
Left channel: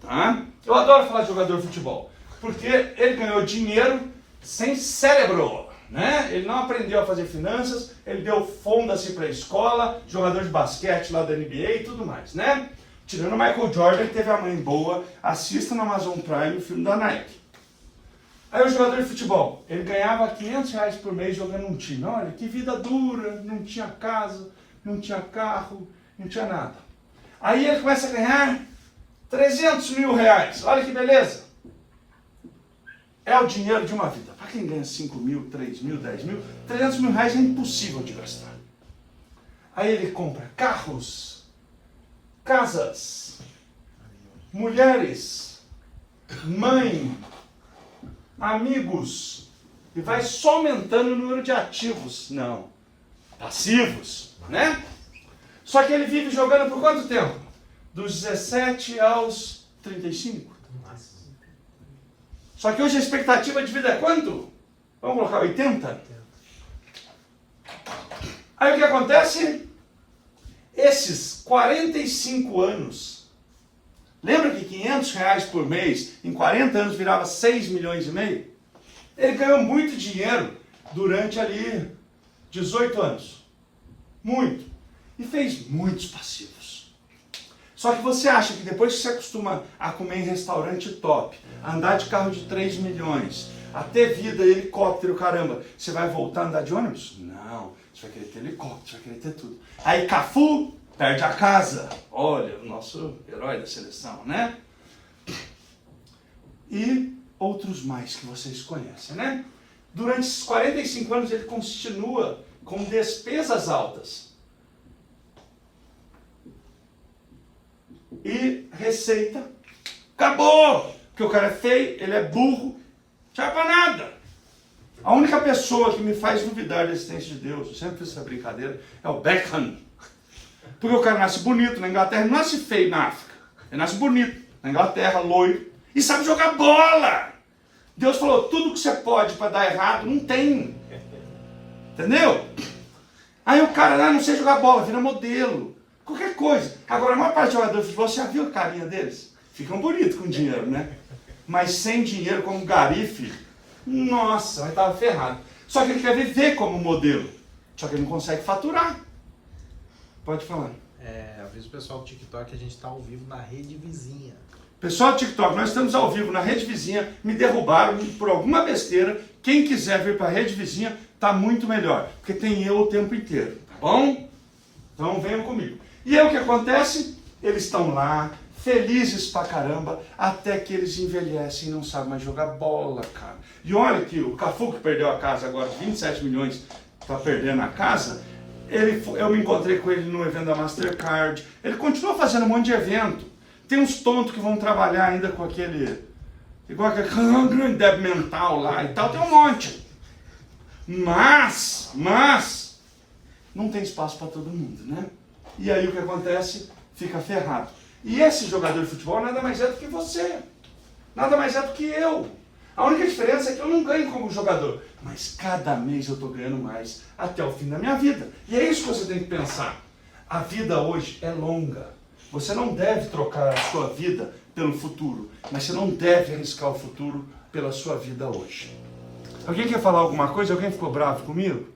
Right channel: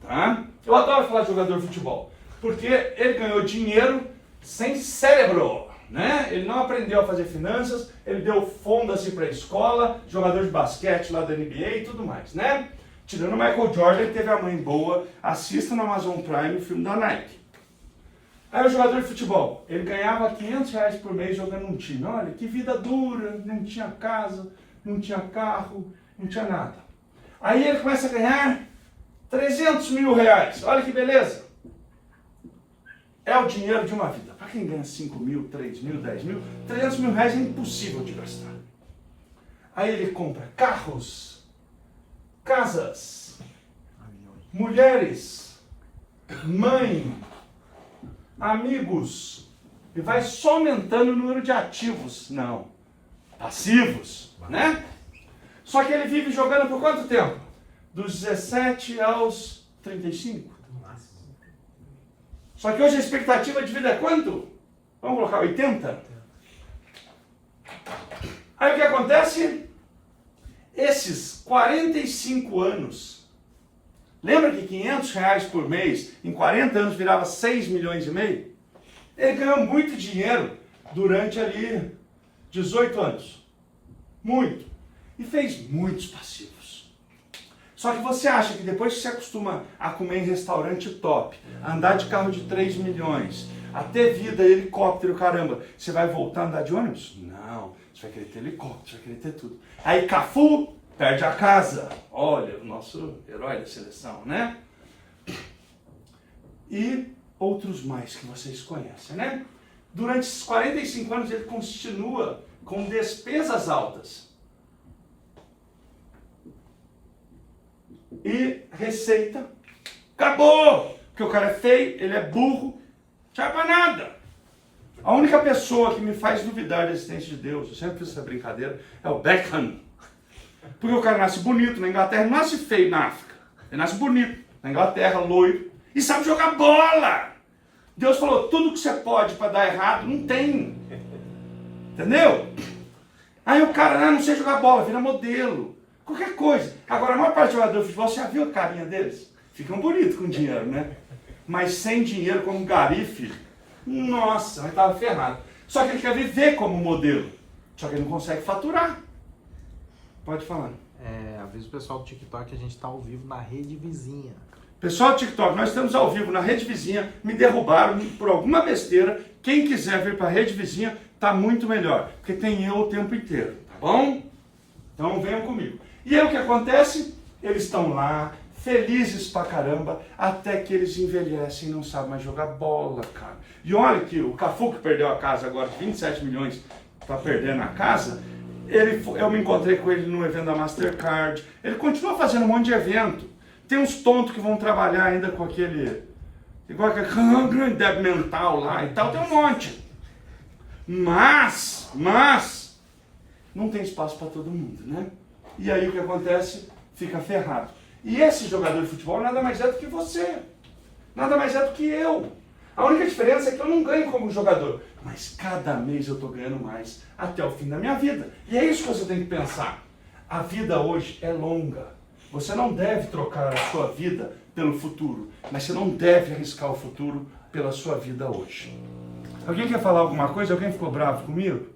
tá? Eu adoro falar de jogador de futebol, porque ele ganhou dinheiro sem cérebro, né? Ele não aprendeu a fazer finanças, ele deu fonda-se para a escola, jogador de basquete lá da NBA e tudo mais, né? Tirando o Michael Jordan, ele teve a mãe boa, assista no Amazon Prime o filme da Nike. Aí o jogador de futebol, ele ganhava 500 reais por mês jogando um time. Olha, que vida dura, não tinha casa, não tinha carro, não tinha nada. Aí ele começa a ganhar 300 mil reais. Olha que beleza. É o dinheiro de uma vida. Para quem ganha 5 mil, 3 mil, 10 mil, 300 mil reais é impossível de gastar. Aí ele compra carros, casas, mulheres, mãe, amigos, e vai só aumentando o número de ativos. Não, passivos, né? Só que ele vive jogando por quanto tempo? Dos 17 aos 35. Só que hoje a expectativa de vida é quanto? Vamos colocar 80? Aí o que acontece? Esses 45 anos, lembra que R$500 por mês, em 40 anos virava 6 milhões e meio? Ele ganhou muito dinheiro durante ali 18 anos. Muito. E fez muitos passivos. Só que você acha que depois que você acostuma a comer em restaurante top, a andar de carro de 3 milhões, a ter vida, helicóptero, caramba, você vai voltar a andar de ônibus? Não. Você vai querer ter helicóptero, você vai querer ter tudo. Aí Cafu perde a casa. Olha, o nosso herói da seleção, né? E outros mais que vocês conhecem, né? Durante esses 45 anos ele continua com despesas altas. E receita acabou. Porque o cara é feio, ele é burro, não serve pra nada. A única pessoa que me faz duvidar da existência de Deus, eu sempre fiz essa brincadeira, é o Beckham. Porque o cara nasce bonito na Inglaterra, não nasce feio na África. Ele nasce bonito na Inglaterra, loiro, e sabe jogar bola. Deus falou, tudo que você pode para dar errado, não tem. Entendeu? Aí o cara, não sei jogar bola, vira modelo. Qualquer coisa. Agora, a maior parte dos jogadores de futebol, você já viu a carinha deles? Ficam bonitos com dinheiro, né? Mas sem dinheiro, como Garife, nossa, mas estava ferrado. Só que ele quer viver como modelo. Só que ele não consegue faturar. Pode falar. Avisa o pessoal do TikTok que a gente está ao vivo na rede vizinha. Pessoal do TikTok, nós estamos ao vivo na rede vizinha. Me derrubaram por alguma besteira. Quem quiser vir para a rede vizinha, tá muito melhor. Porque tem eu o tempo inteiro, tá bom? Então venham comigo. E aí o que acontece? Eles estão lá, felizes pra caramba, até que eles envelhecem e não sabem mais jogar bola, cara. E olha que o Cafu, que perdeu a casa agora, 27 milhões, tá perdendo a casa, eu me encontrei com ele no evento da Mastercard, ele continua fazendo um monte de evento. Tem uns tontos que vão trabalhar ainda com aquele, igual aquele grande débil mental lá e tal, tem um monte. Mas, não tem espaço para todo mundo, né? E aí o que acontece? Fica ferrado. E esse jogador de futebol nada mais é do que você. Nada mais é do que eu. A única diferença é que eu não ganho como jogador. Mas cada mês eu estou ganhando mais até o fim da minha vida. E é isso que você tem que pensar. A vida hoje é longa. Você não deve trocar a sua vida pelo futuro. Mas você não deve arriscar o futuro pela sua vida hoje. Alguém quer falar alguma coisa? Alguém ficou bravo comigo?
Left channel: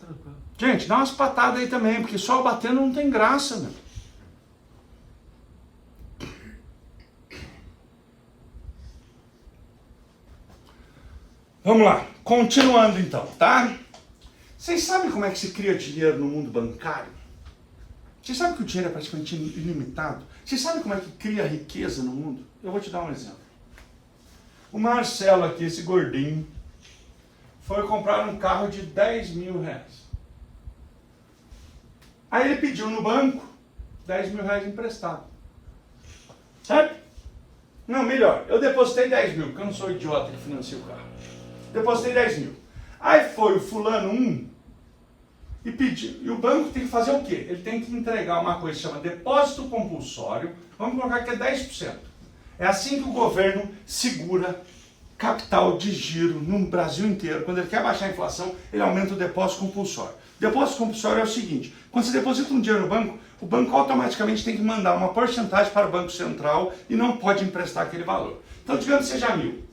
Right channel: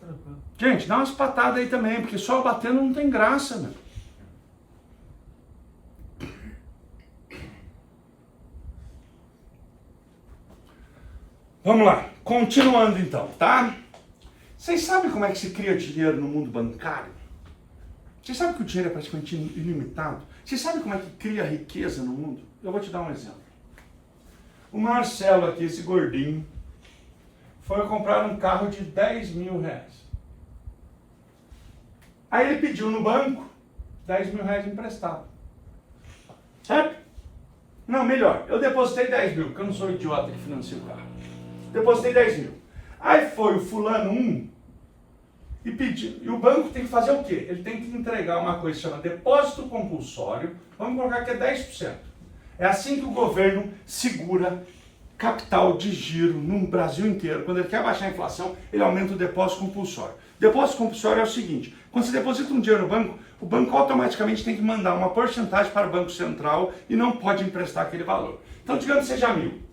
Tranquilo. Gente, dá umas patadas aí também, porque só batendo não tem graça, meu. Vamos lá, continuando então, tá? Vocês sabem como é que se cria dinheiro no mundo bancário? Vocês sabem que o dinheiro é praticamente ilimitado? Vocês sabem como é que cria riqueza no mundo? Eu vou te dar um exemplo. O Marcelo aqui, esse gordinho, foi comprar um carro de 10 mil reais. Aí ele pediu no banco 10 mil reais emprestado. Certo? Não, melhor, eu depositei 10 mil, porque eu não sou idiota que financia o carro. Depositei 10 mil. Aí foi o fulano 1 e pediu. E o banco tem que fazer o quê? Ele tem que entregar uma coisa que chama depósito compulsório. Vamos colocar que é 10%. É assim que o governo segura capital de giro no Brasil inteiro. Quando ele quer baixar a inflação, ele aumenta o depósito compulsório. Depósito compulsório é o seguinte: quando você deposita um dinheiro no banco, o banco automaticamente tem que mandar uma porcentagem para o Banco Central e não pode emprestar aquele valor. Então, digamos que seja 1.000.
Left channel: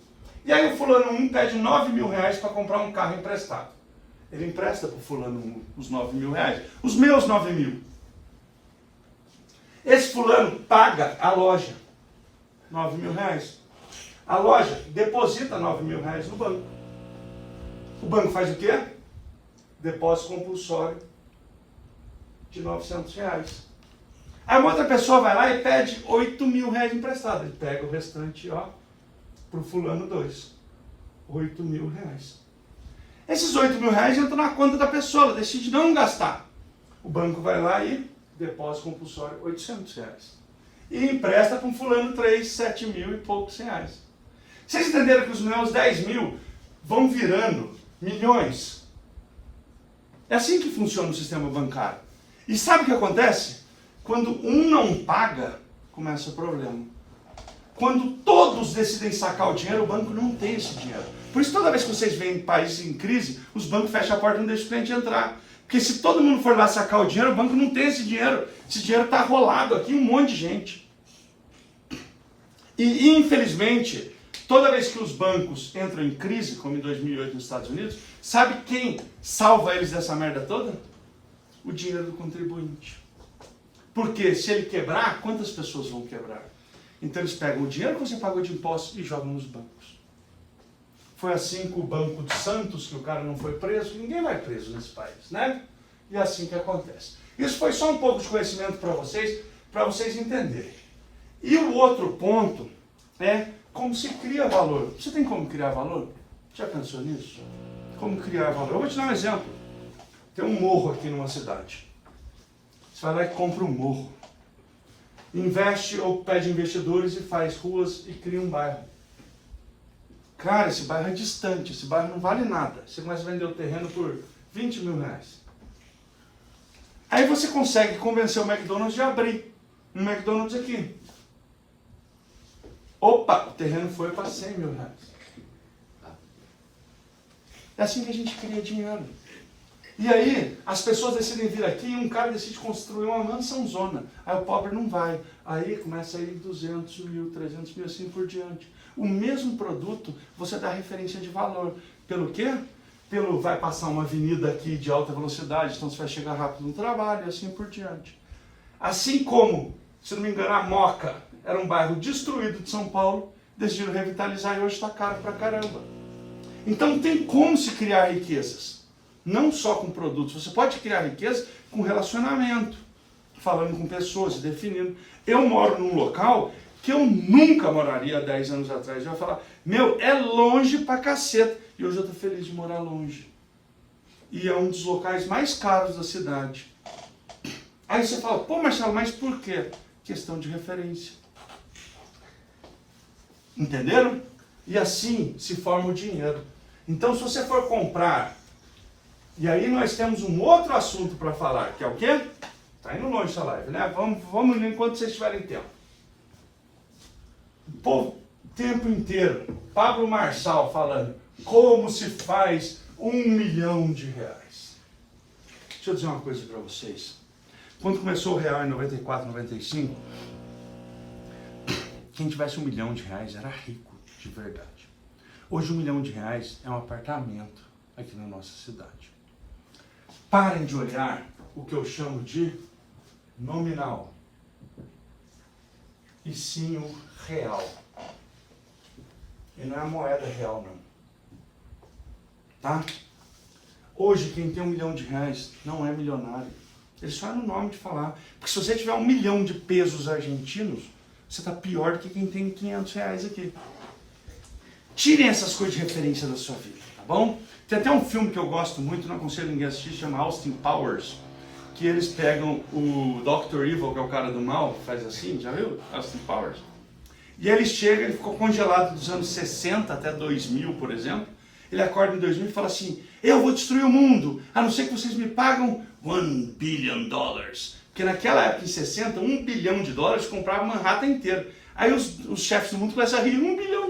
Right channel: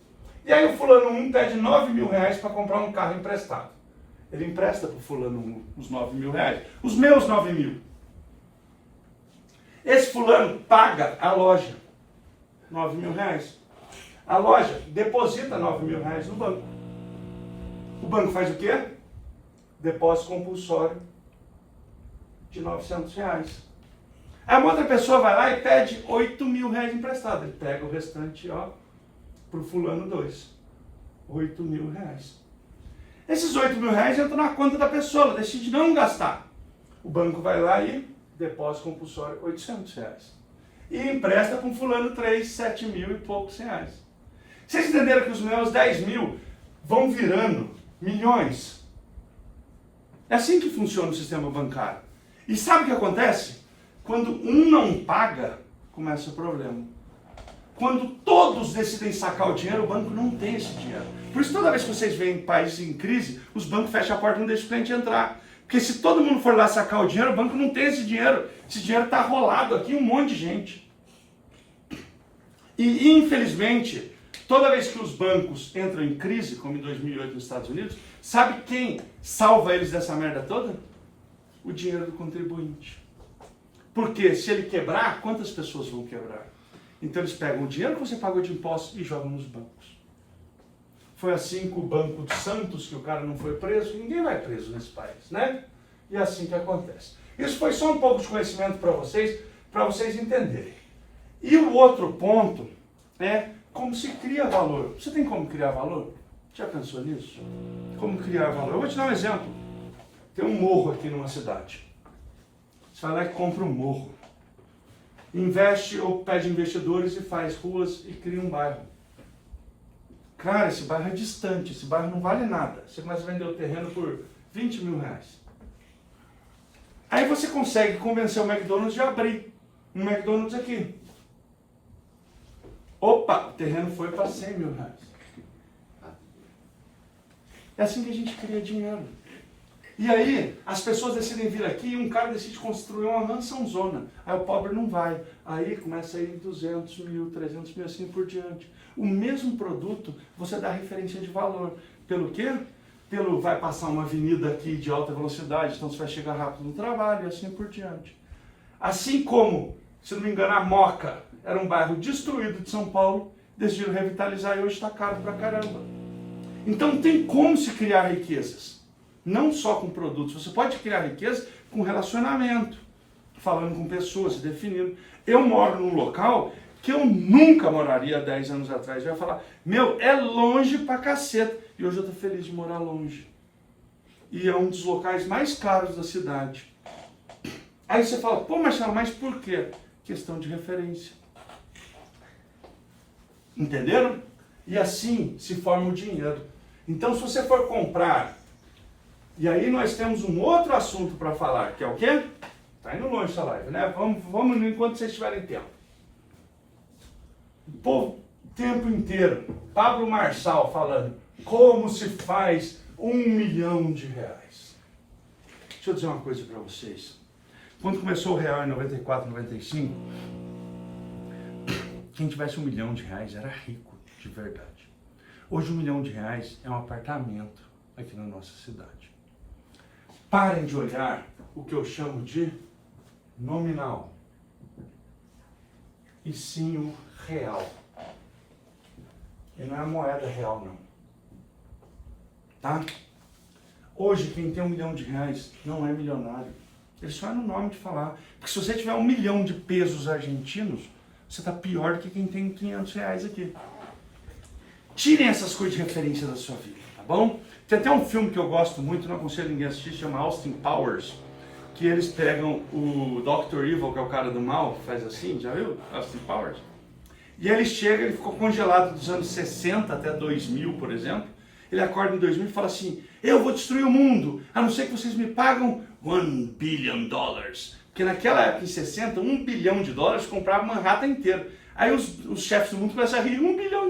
E aí o fulano 1 pede 9 mil reais para comprar um carro emprestado. Ele empresta para o fulano 1 os 9 mil reais. Os meus 9 mil. Esse fulano paga a loja 9 mil reais. A loja deposita 9 mil reais no banco. O banco faz o quê? Depósito compulsório de 900 reais. Aí uma outra pessoa vai lá e pede 8 mil reais emprestado. Ele pega o restante, ó, pro fulano 2. 8 mil reais. Esses 8 mil reais entram na conta da pessoa, ela decide não gastar. O banco vai lá e depósito compulsório 800 reais. e empresta para um fulano 3, 7 mil e poucos reais. Vocês entenderam que os meus 10 mil vão virando milhões? É assim que funciona o sistema bancário. E sabe o que acontece? Quando um não paga, começa o problema. Quando todos decidem sacar o dinheiro, o banco não tem esse dinheiro. Por isso, toda vez que vocês veem países em crise, os bancos fecham a porta e não deixam o cliente entrar. Porque se todo mundo for lá sacar o dinheiro, o banco não tem esse dinheiro. Esse dinheiro está rolado aqui, um monte de gente. E, infelizmente, toda vez que os bancos entram em crise, como em 2008 nos Estados Unidos, sabe quem salva eles dessa merda toda? O dinheiro do contribuinte. Porque se ele quebrar, quantas pessoas vão quebrar? Então eles pegam o dinheiro que você pagou de impostos e jogam nos bancos. Foi assim com o Banco de Santos, que o cara não foi preso. Ninguém vai preso nesse país, né? E é assim que acontece. Isso foi só um pouco de conhecimento para vocês entenderem. E o outro ponto é como se cria valor. Você tem como criar valor? Já pensou nisso? Como criar valor? Eu vou te dar um exemplo. Tem um morro aqui numa cidade. Você vai lá e compra um morro. Investe ou pede investidores e faz ruas e cria um bairro. Cara, esse bairro é distante, esse bairro não vale nada. Você começa a vender o terreno por 20 mil reais. Aí você consegue convencer o McDonald's de abrir um McDonald's aqui. Opa, o terreno foi para 100 mil reais. É assim que a gente cria dinheiro. E aí, as pessoas decidem vir aqui e um cara decide construir uma mansãozona. Aí o pobre não vai. Aí começa a ir 200 mil, 300 mil, assim por diante. O mesmo produto, você dá referência de valor. Pelo quê? Vai passar uma avenida aqui de alta velocidade, então você vai chegar rápido no trabalho, e assim por diante. Assim como, se não me engano, a Moca era um bairro destruído de São Paulo, decidiram revitalizar e hoje está caro pra caramba. Então tem como se criar riquezas. Não só com produtos, você pode criar riqueza com relacionamento, falando com pessoas, se definindo. Eu moro num local que eu nunca moraria há 10 anos atrás. Eu ia falar, meu, é longe pra caceta. E hoje eu tô feliz de morar longe. E é um dos locais mais caros da cidade. Aí você fala, pô, Marcelo, mas por quê? Questão de referência. Entenderam? E assim se forma o dinheiro. Então, se você for comprar... E aí nós temos um outro assunto para falar, que é o quê? Está indo longe essa live, né? Vamos enquanto vocês tiverem tempo. O tempo inteiro, Pablo Marçal falando, como se faz R$1 milhão. Deixa eu dizer uma coisa para vocês. Quando começou o real em 94, 95, quem tivesse R$1 milhão era rico de verdade. Hoje R$1 milhão é um apartamento aqui na nossa cidade. Parem de olhar o que eu chamo de nominal, e sim o real. E não é a moeda real, não. Tá? Hoje, quem tem R$1 milhão não é milionário. Ele só é no nome de falar. Porque se você tiver R$1 milhão de pesos argentinos, você está pior do que quem tem R$500 aqui. Tirem essas coisas de referência da sua vida, tá bom? Tem até um filme que eu gosto muito, não aconselho ninguém a assistir, chama Austin Powers, que eles pegam o Dr. Evil, que é o cara do mal, que faz assim, já viu? Austin Powers. E aí ele chega, ele ficou congelado dos anos 60 até 2000, por exemplo. Ele acorda em 2000 e fala assim, eu vou destruir o mundo, a não ser que vocês me pagam $1 billion. Porque naquela época, em 60, $1 bilhão comprava Manhattan inteiro. Aí os chefes do mundo começam a rir, $1 bilhão.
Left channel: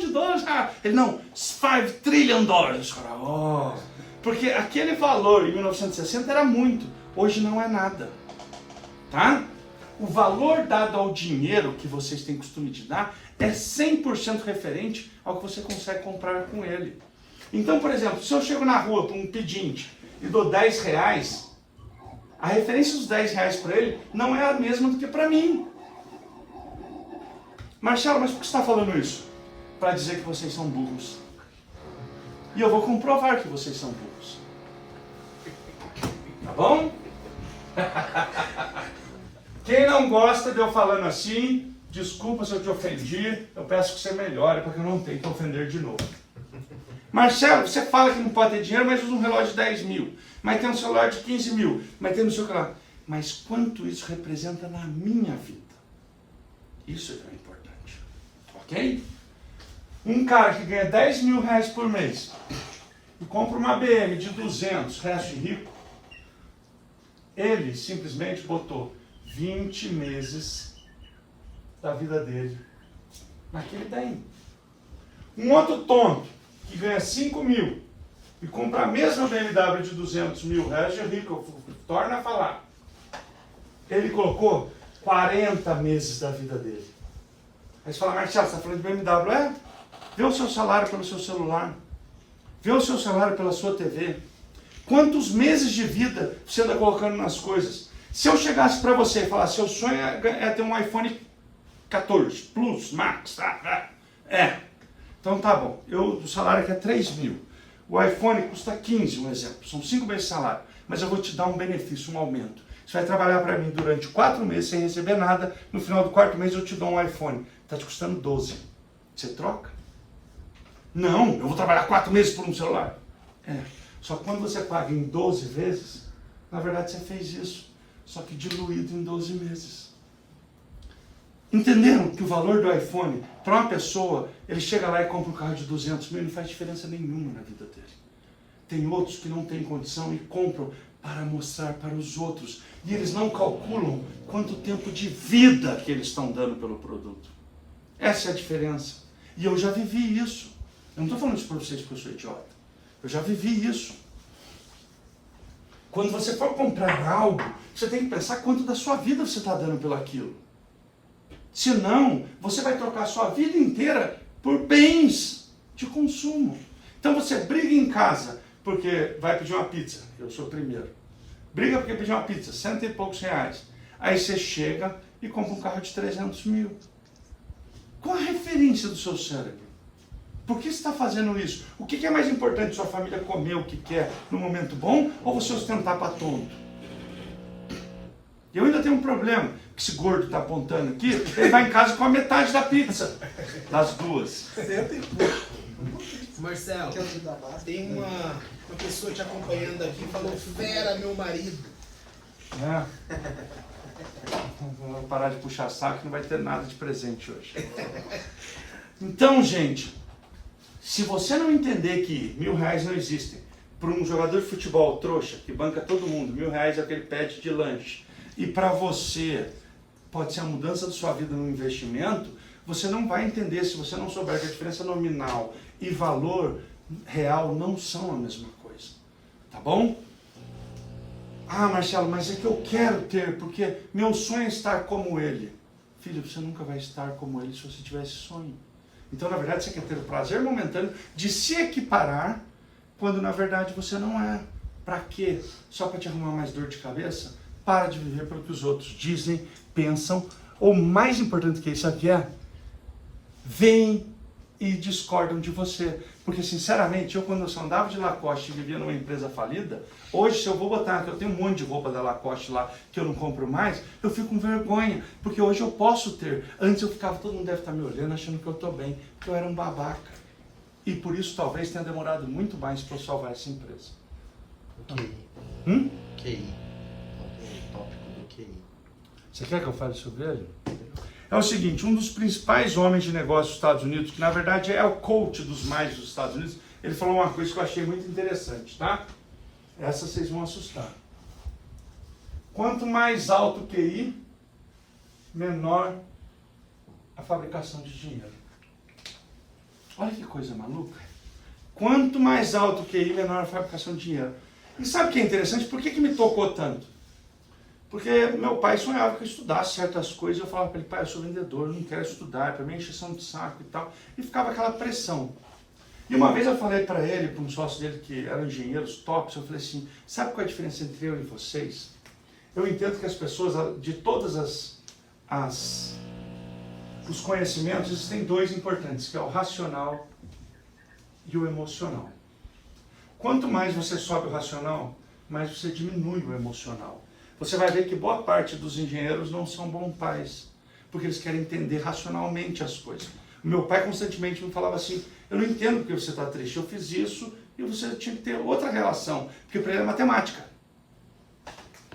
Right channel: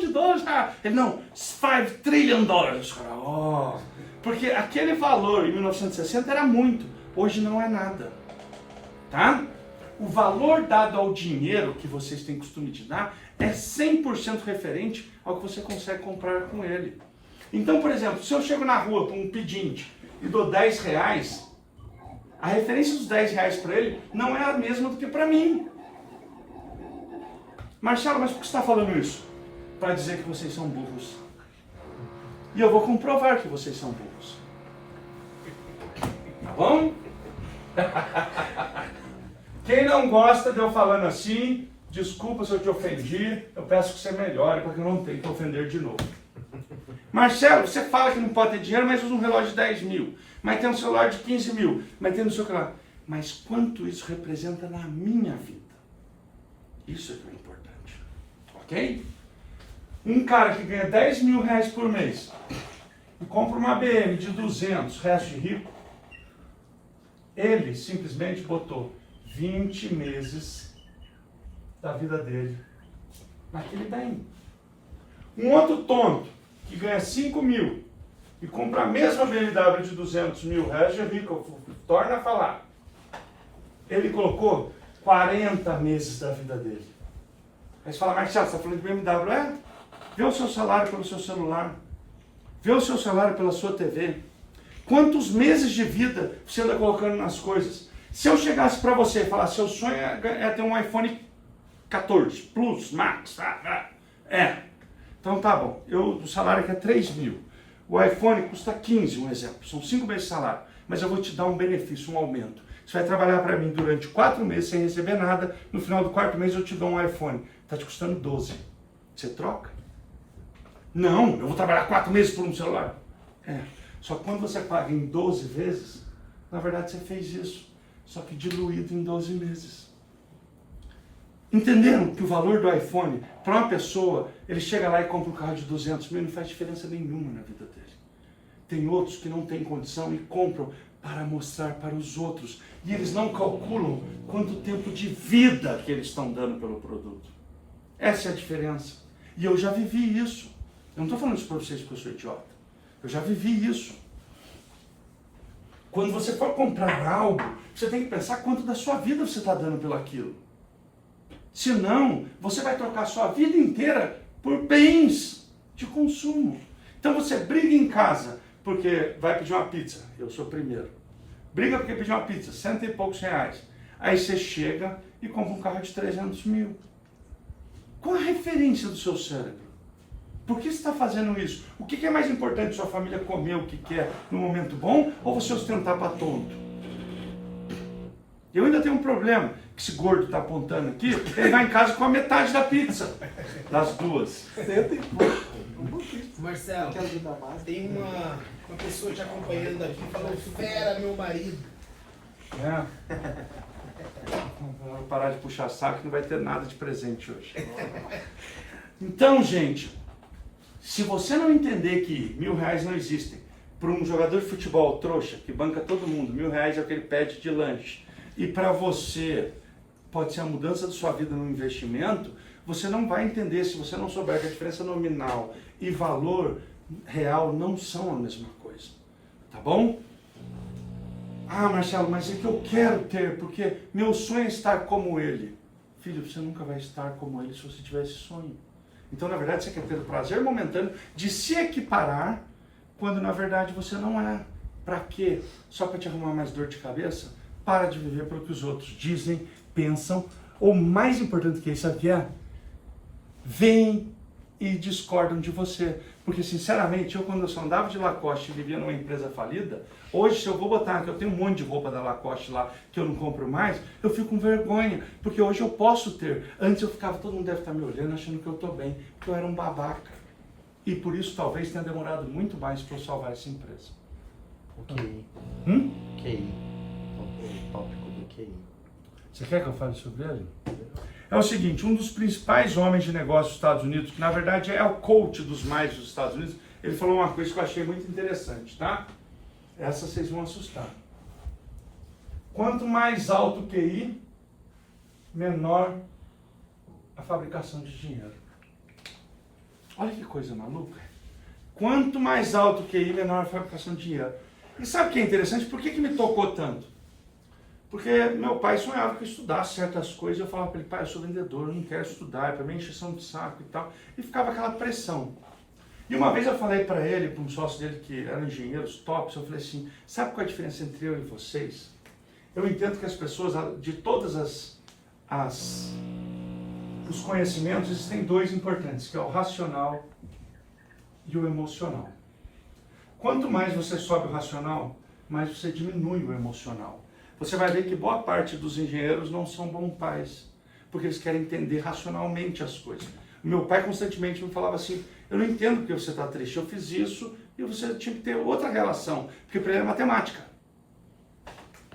Ele, não, $5 trillion. Os caras, oh. Porque aquele valor em 1960 era muito, hoje não é nada. Tá? O valor dado ao dinheiro que vocês têm costume de dar é 100% referente ao que você consegue comprar com ele. Então, por exemplo, se eu chego na rua para um pedinte e dou R$10, a referência dos R$10 para ele não é a mesma do que para mim. Marcelo, mas por que você está falando isso? Para dizer que vocês são burros. E eu vou comprovar que vocês são burros. Tá bom? Quem não gosta de eu falando assim, desculpa se eu te ofendi, eu peço que você melhore, porque eu não tenho que ofender de novo. Marcelo, você fala que não pode ter dinheiro, mas usa um relógio de 10 mil. Mas tem um celular de 15 mil. Mas tem no seu canal. Mas quanto isso representa na minha vida? Isso é que é importante. Ok? Um cara que ganha 10 mil reais por mês e compra uma BM de 200, resto de rico, ele simplesmente botou 20 meses da vida dele naquele bem. Um outro tonto que ganha 5 mil e compra a mesma BMW de 200 mil reais de rico, torna a falar. Ele colocou 40 meses da vida dele. Aí você fala, Marcelo, você está falando de BMW? É? Vê o seu salário pelo seu celular. Vê o seu salário pela sua TV. Quantos meses de vida você anda colocando nas coisas? Se eu chegasse para você e falasse, seu sonho é ter um iPhone 14 Plus, Max, tá? Então tá bom. O salário aqui é 3 mil. O iPhone custa 15, um exemplo. São 5 meses de salário. Mas eu vou te dar um benefício, um aumento. Você vai trabalhar para mim durante 4 meses sem receber nada. No final do 4º mês eu te dou um iPhone. Está te custando 12. Você troca? Não, eu vou trabalhar 4 meses por um celular. Só que quando você paga em 12 vezes, na verdade você fez isso. Só que diluído em 12 meses. Entenderam que o valor do iPhone, para uma pessoa, ele chega lá e compra um carro de 200 mil e não faz diferença nenhuma na vida dele. Tem outros que não têm condição e compram para mostrar para os outros. E eles não calculam quanto tempo de vida que eles estão dando pelo produto. Essa é a diferença. E eu já vivi isso. Eu não estou falando isso para vocês porque eu sou idiota. Eu já vivi isso. Quando você for comprar algo, você tem que pensar quanto da sua vida você está dando pelo aquilo. Senão, você vai trocar a sua vida inteira por bens de consumo. Então você briga em casa porque vai pedir uma pizza. Eu sou o primeiro. Briga porque pediu uma pizza, 100 e poucos reais. Aí você chega e compra um carro de 300 mil. Qual a referência do seu cérebro? Por que você está fazendo isso? O que é mais importante, sua família comer o que quer no momento bom ou você ostentar para tonto? Eu ainda tenho um problema, que esse gordo está apontando aqui, ele vai em casa com a metade da pizza, das duas. Marcelo, tem uma pessoa te acompanhando aqui falando, fera meu marido. Vou parar de puxar saco que não vai ter nada de presente hoje. Então, gente, se você não entender que R$1.000 não existem, para um jogador de futebol trouxa, que banca todo mundo, R$1.000 é o que ele pede de lanche, e para você pode ser a mudança da sua vida no investimento, você não vai entender se você não souber que a diferença nominal e valor real não são a mesma coisa. Tá bom? Ah, Marcelo, mas é que eu quero ter, porque meu sonho é estar como ele. Filho, você nunca vai estar como ele se você tiver esse sonho. Então, na verdade, você quer ter o prazer momentâneo de se equiparar, quando na verdade você não é. Para quê? Só para te arrumar mais dor de cabeça? Para de viver pelo que os outros dizem, pensam, ou mais importante que isso, sabe o que é? Veem e discordam de você. Porque, sinceramente, eu quando eu só andava de Lacoste e vivia numa empresa falida, hoje se eu vou botar, que eu tenho um monte de roupa da Lacoste lá, que eu não compro mais, eu fico com vergonha, porque hoje eu posso ter. Antes eu ficava, todo mundo deve estar me olhando, achando que eu estou bem, porque eu era um babaca. E por isso talvez tenha demorado muito mais para eu salvar essa empresa. O QI. QI. O tópico do QI. Você quer que eu fale sobre ele? É o seguinte, um dos principais homens de negócio dos Estados Unidos, que na verdade é o coach dos mais dos Estados Unidos, ele falou uma coisa que eu achei muito interessante, tá? Essa vocês vão assustar. Quanto mais alto o QI, menor a fabricação de dinheiro. Olha que coisa maluca. Quanto mais alto o QI, menor a fabricação de dinheiro. E sabe o que é interessante? Por que me tocou tanto? Porque meu pai sonhava que eu estudasse certas coisas, eu falava para ele, pai, eu sou vendedor, eu não quero estudar, para mim é encheção de saco e tal. E ficava aquela pressão. E uma vez eu falei para ele, para um sócio dele que eram engenheiros tops, eu falei assim, sabe qual é a diferença entre eu e vocês? Eu entendo que as pessoas, de todas os conhecimentos, existem dois importantes, que é o racional e o emocional. Quanto mais você sobe o racional, mais você diminui o emocional. Você vai ver que boa parte dos engenheiros não são bons pais, porque eles querem entender racionalmente as coisas. O meu pai constantemente me falava assim, eu não entendo porque você está triste, eu fiz isso e você tinha que ter outra relação, porque para ele é matemática.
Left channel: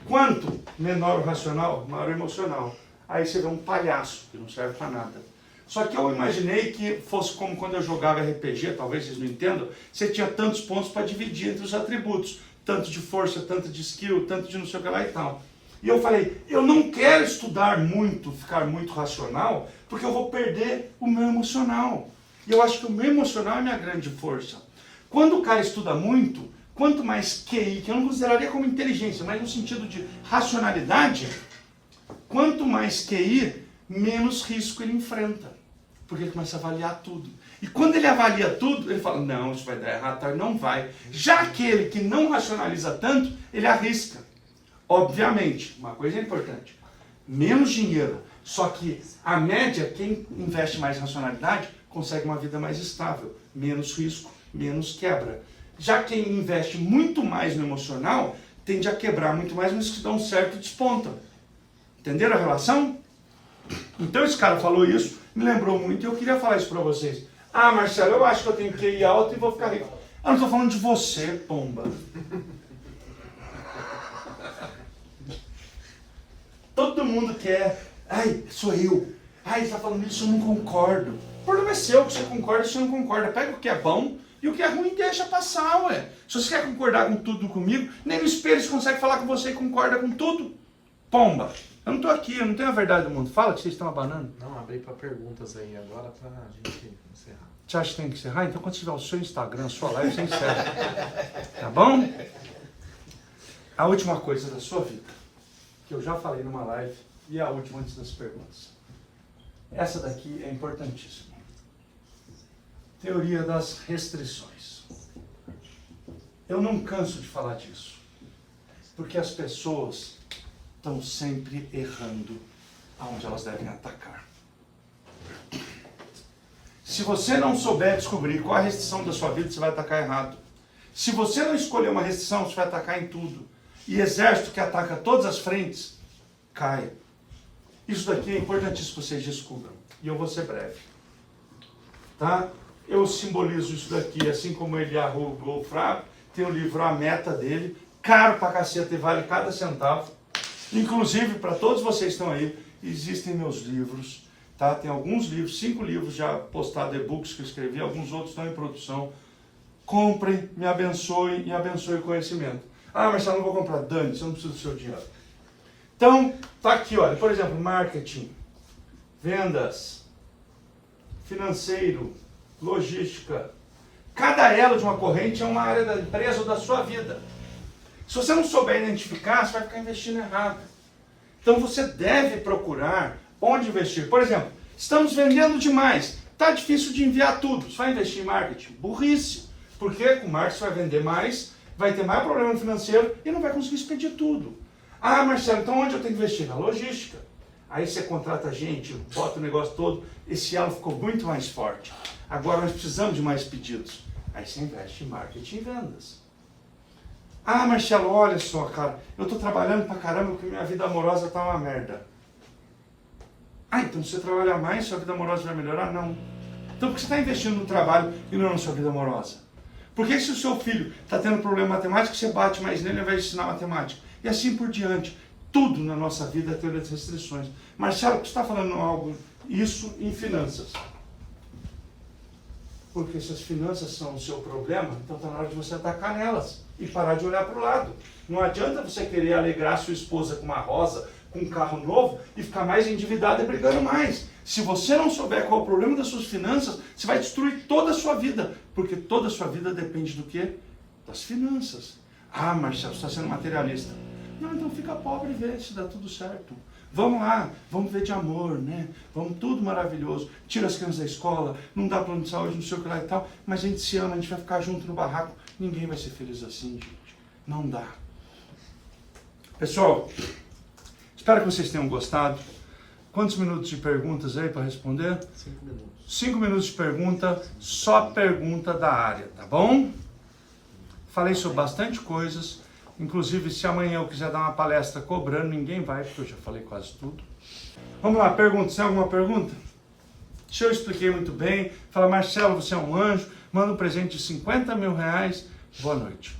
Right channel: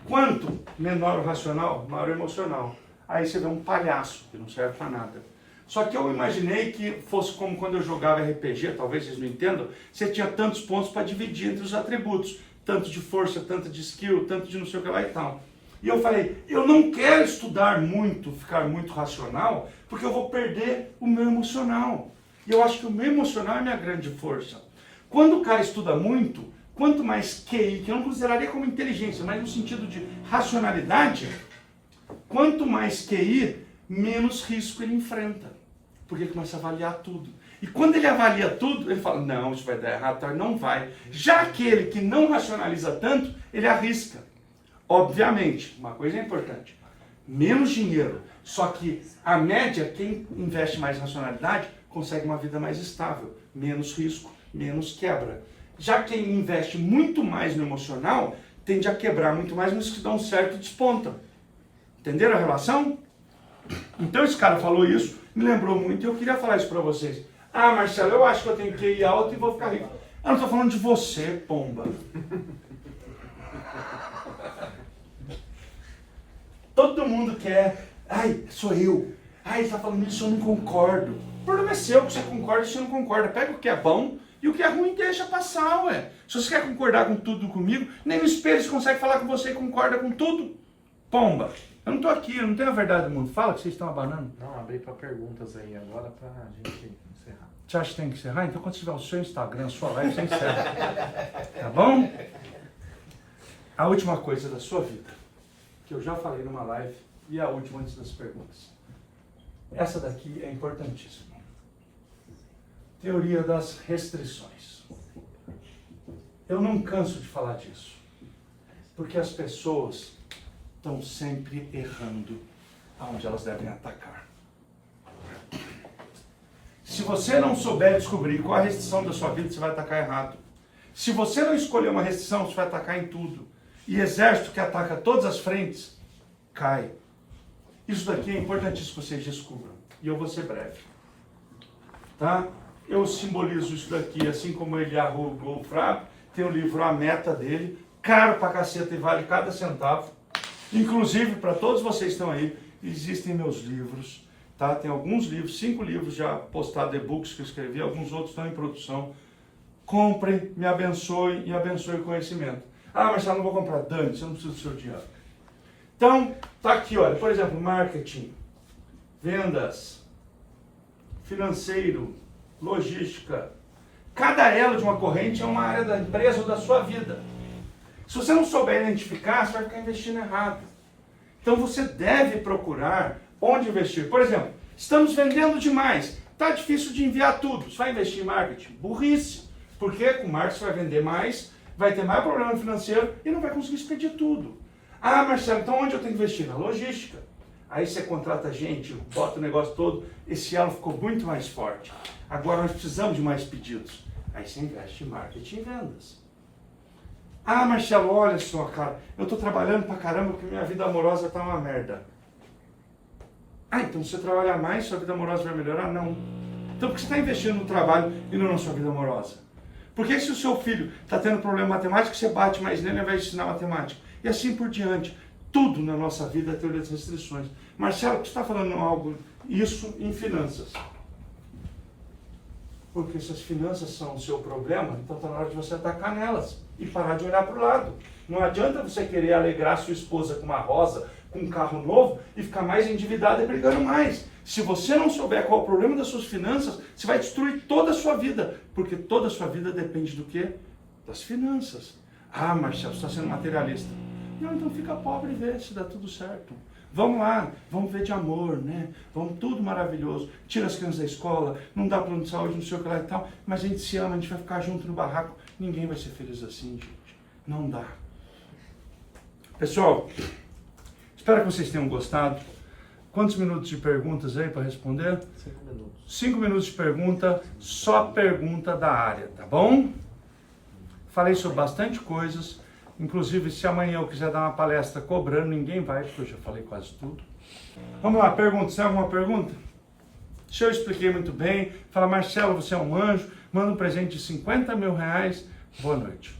Quanto menor o racional, maior o emocional. Aí você vê um palhaço, que não serve para nada. Só que eu imaginei que fosse como quando eu jogava RPG, talvez vocês não entendam, você tinha tantos pontos para dividir entre os atributos. Tanto de força, tanto de skill, tanto de não sei o que lá e tal. E eu falei, eu não quero estudar muito, ficar muito racional, porque eu vou perder o meu emocional. E eu acho que o meu emocional é a minha grande força. Quando o cara estuda muito, quanto mais QI, que eu não consideraria como inteligência, mas no sentido de racionalidade, quanto mais QI, menos risco ele enfrenta. Porque ele começa a avaliar tudo. E quando ele avalia tudo, ele fala, não, isso vai dar errado, não vai. Já aquele que não racionaliza tanto, ele arrisca. Obviamente, uma coisa é importante, menos dinheiro, só que a média, quem investe mais em racionalidade, consegue uma vida mais estável, menos risco, menos quebra. Já quem investe muito mais no emocional, tende a quebrar muito mais, mas que dão certo e despontam. Entenderam a relação? Então esse cara falou isso, me lembrou muito, e eu queria falar isso para vocês. Ah, Marcelo, eu acho que eu tenho que ir alto e vou ficar rico. Eu não estou falando de você, pomba. Todo mundo quer. Ai, sou eu. Ai, ele está falando isso, eu não concordo. O problema é seu, que você concorda e você não concorda. Pega o que é bom e o que é ruim deixa passar, ué. Se você quer concordar com tudo comigo, nem no espelho você consegue falar com você e concorda com tudo. Pomba. Eu não estou aqui, eu não tenho a verdade do mundo. Fala que vocês estão abanando. Não, abri para perguntas aí agora para a gente encerrar. Você acha que tem que encerrar? Então quando tiver o seu Instagram, sua live, você encerra. Tá bom? A última coisa da sua vida, que eu já falei numa live, e a última antes das perguntas. Essa daqui é importantíssima. Teoria das restrições. Eu não canso de falar disso, porque as pessoas estão sempre errando aonde elas devem atacar. Se você não souber descobrir qual a restrição da sua vida, você vai atacar errado. Se você não escolher uma restrição, você vai atacar em tudo. E exército que ataca todas as frentes, cai. Isso daqui é importantíssimo que vocês descubram. E eu vou ser breve. Tá? Eu simbolizo isso daqui, assim como ele arrugou o fraco. Tem o livro A Meta dele, caro pra caceta e vale cada centavo. Inclusive, para todos vocês que estão aí, existem meus livros. Tá? Tem alguns livros, 5 livros já postados, e-books que eu escrevi, alguns outros estão em produção. Comprem, me abençoem e abençoem o conhecimento. Ah, mas eu não vou comprar. Dane, você não precisa do seu dinheiro. Então, tá aqui, olha, por exemplo, marketing, vendas, financeiro, logística. Cada elo de uma corrente é uma área da empresa ou da sua vida. Se você não souber identificar, você vai ficar investindo errado. Então você deve procurar onde investir. Por exemplo, estamos vendendo demais. Está difícil de enviar tudo. Você vai investir em marketing? Burrice. Porque com marketing você vai vender mais, vai ter mais problema financeiro e não vai conseguir expedir tudo. Ah, Marcelo, então onde eu tenho que investir? Na logística. Aí você contrata gente, bota o negócio todo, esse elo ficou muito mais forte. Agora nós precisamos de mais pedidos. Aí você investe em marketing e vendas. Ah, Marcelo, olha só, cara, eu estou trabalhando pra caramba porque minha vida amorosa tá uma merda. Ah, então se você trabalhar mais, sua vida amorosa vai melhorar? Não. Então por que você está investindo no trabalho e não na sua vida amorosa? Por que se o seu filho está tendo problema matemático, você bate mais nele e vai ensinar matemática? E assim por diante. Tudo na nossa vida é teoria das restrições. Marcelo, você está falando algo, isso em finanças. Porque se as finanças são o seu problema, então está na hora de você atacar nelas e parar de olhar para o lado. Não adianta você querer alegrar sua esposa com uma rosa, com um carro novo e ficar mais endividado e brigando mais. Se você não souber qual é o problema das suas finanças, você vai destruir toda a sua vida. Porque toda a sua vida depende do quê? Das finanças. Ah, Marcelo, você está sendo materialista. Não, então fica pobre e vê se dá tudo certo. Vamos lá, vamos ver de amor, né? Vamos tudo maravilhoso. Tira as crianças da escola, não dá plano de saúde, não sei o que lá e tal, mas a gente se ama, a gente vai ficar junto no barraco. Ninguém vai ser feliz assim, gente. Não dá. Pessoal, espero que vocês tenham gostado. Quantos minutos de perguntas aí para responder? 5 minutos. 5 minutos de pergunta, só pergunta da área, tá bom? Falei sobre bastante coisas. Inclusive, se amanhã eu quiser dar uma palestra cobrando, ninguém vai, porque eu já falei quase tudo. Vamos lá, pergunta. Você tem alguma pergunta? Se eu expliquei muito bem, fala, Marcelo, você é um anjo, manda um presente de 50 mil reais. Boa noite.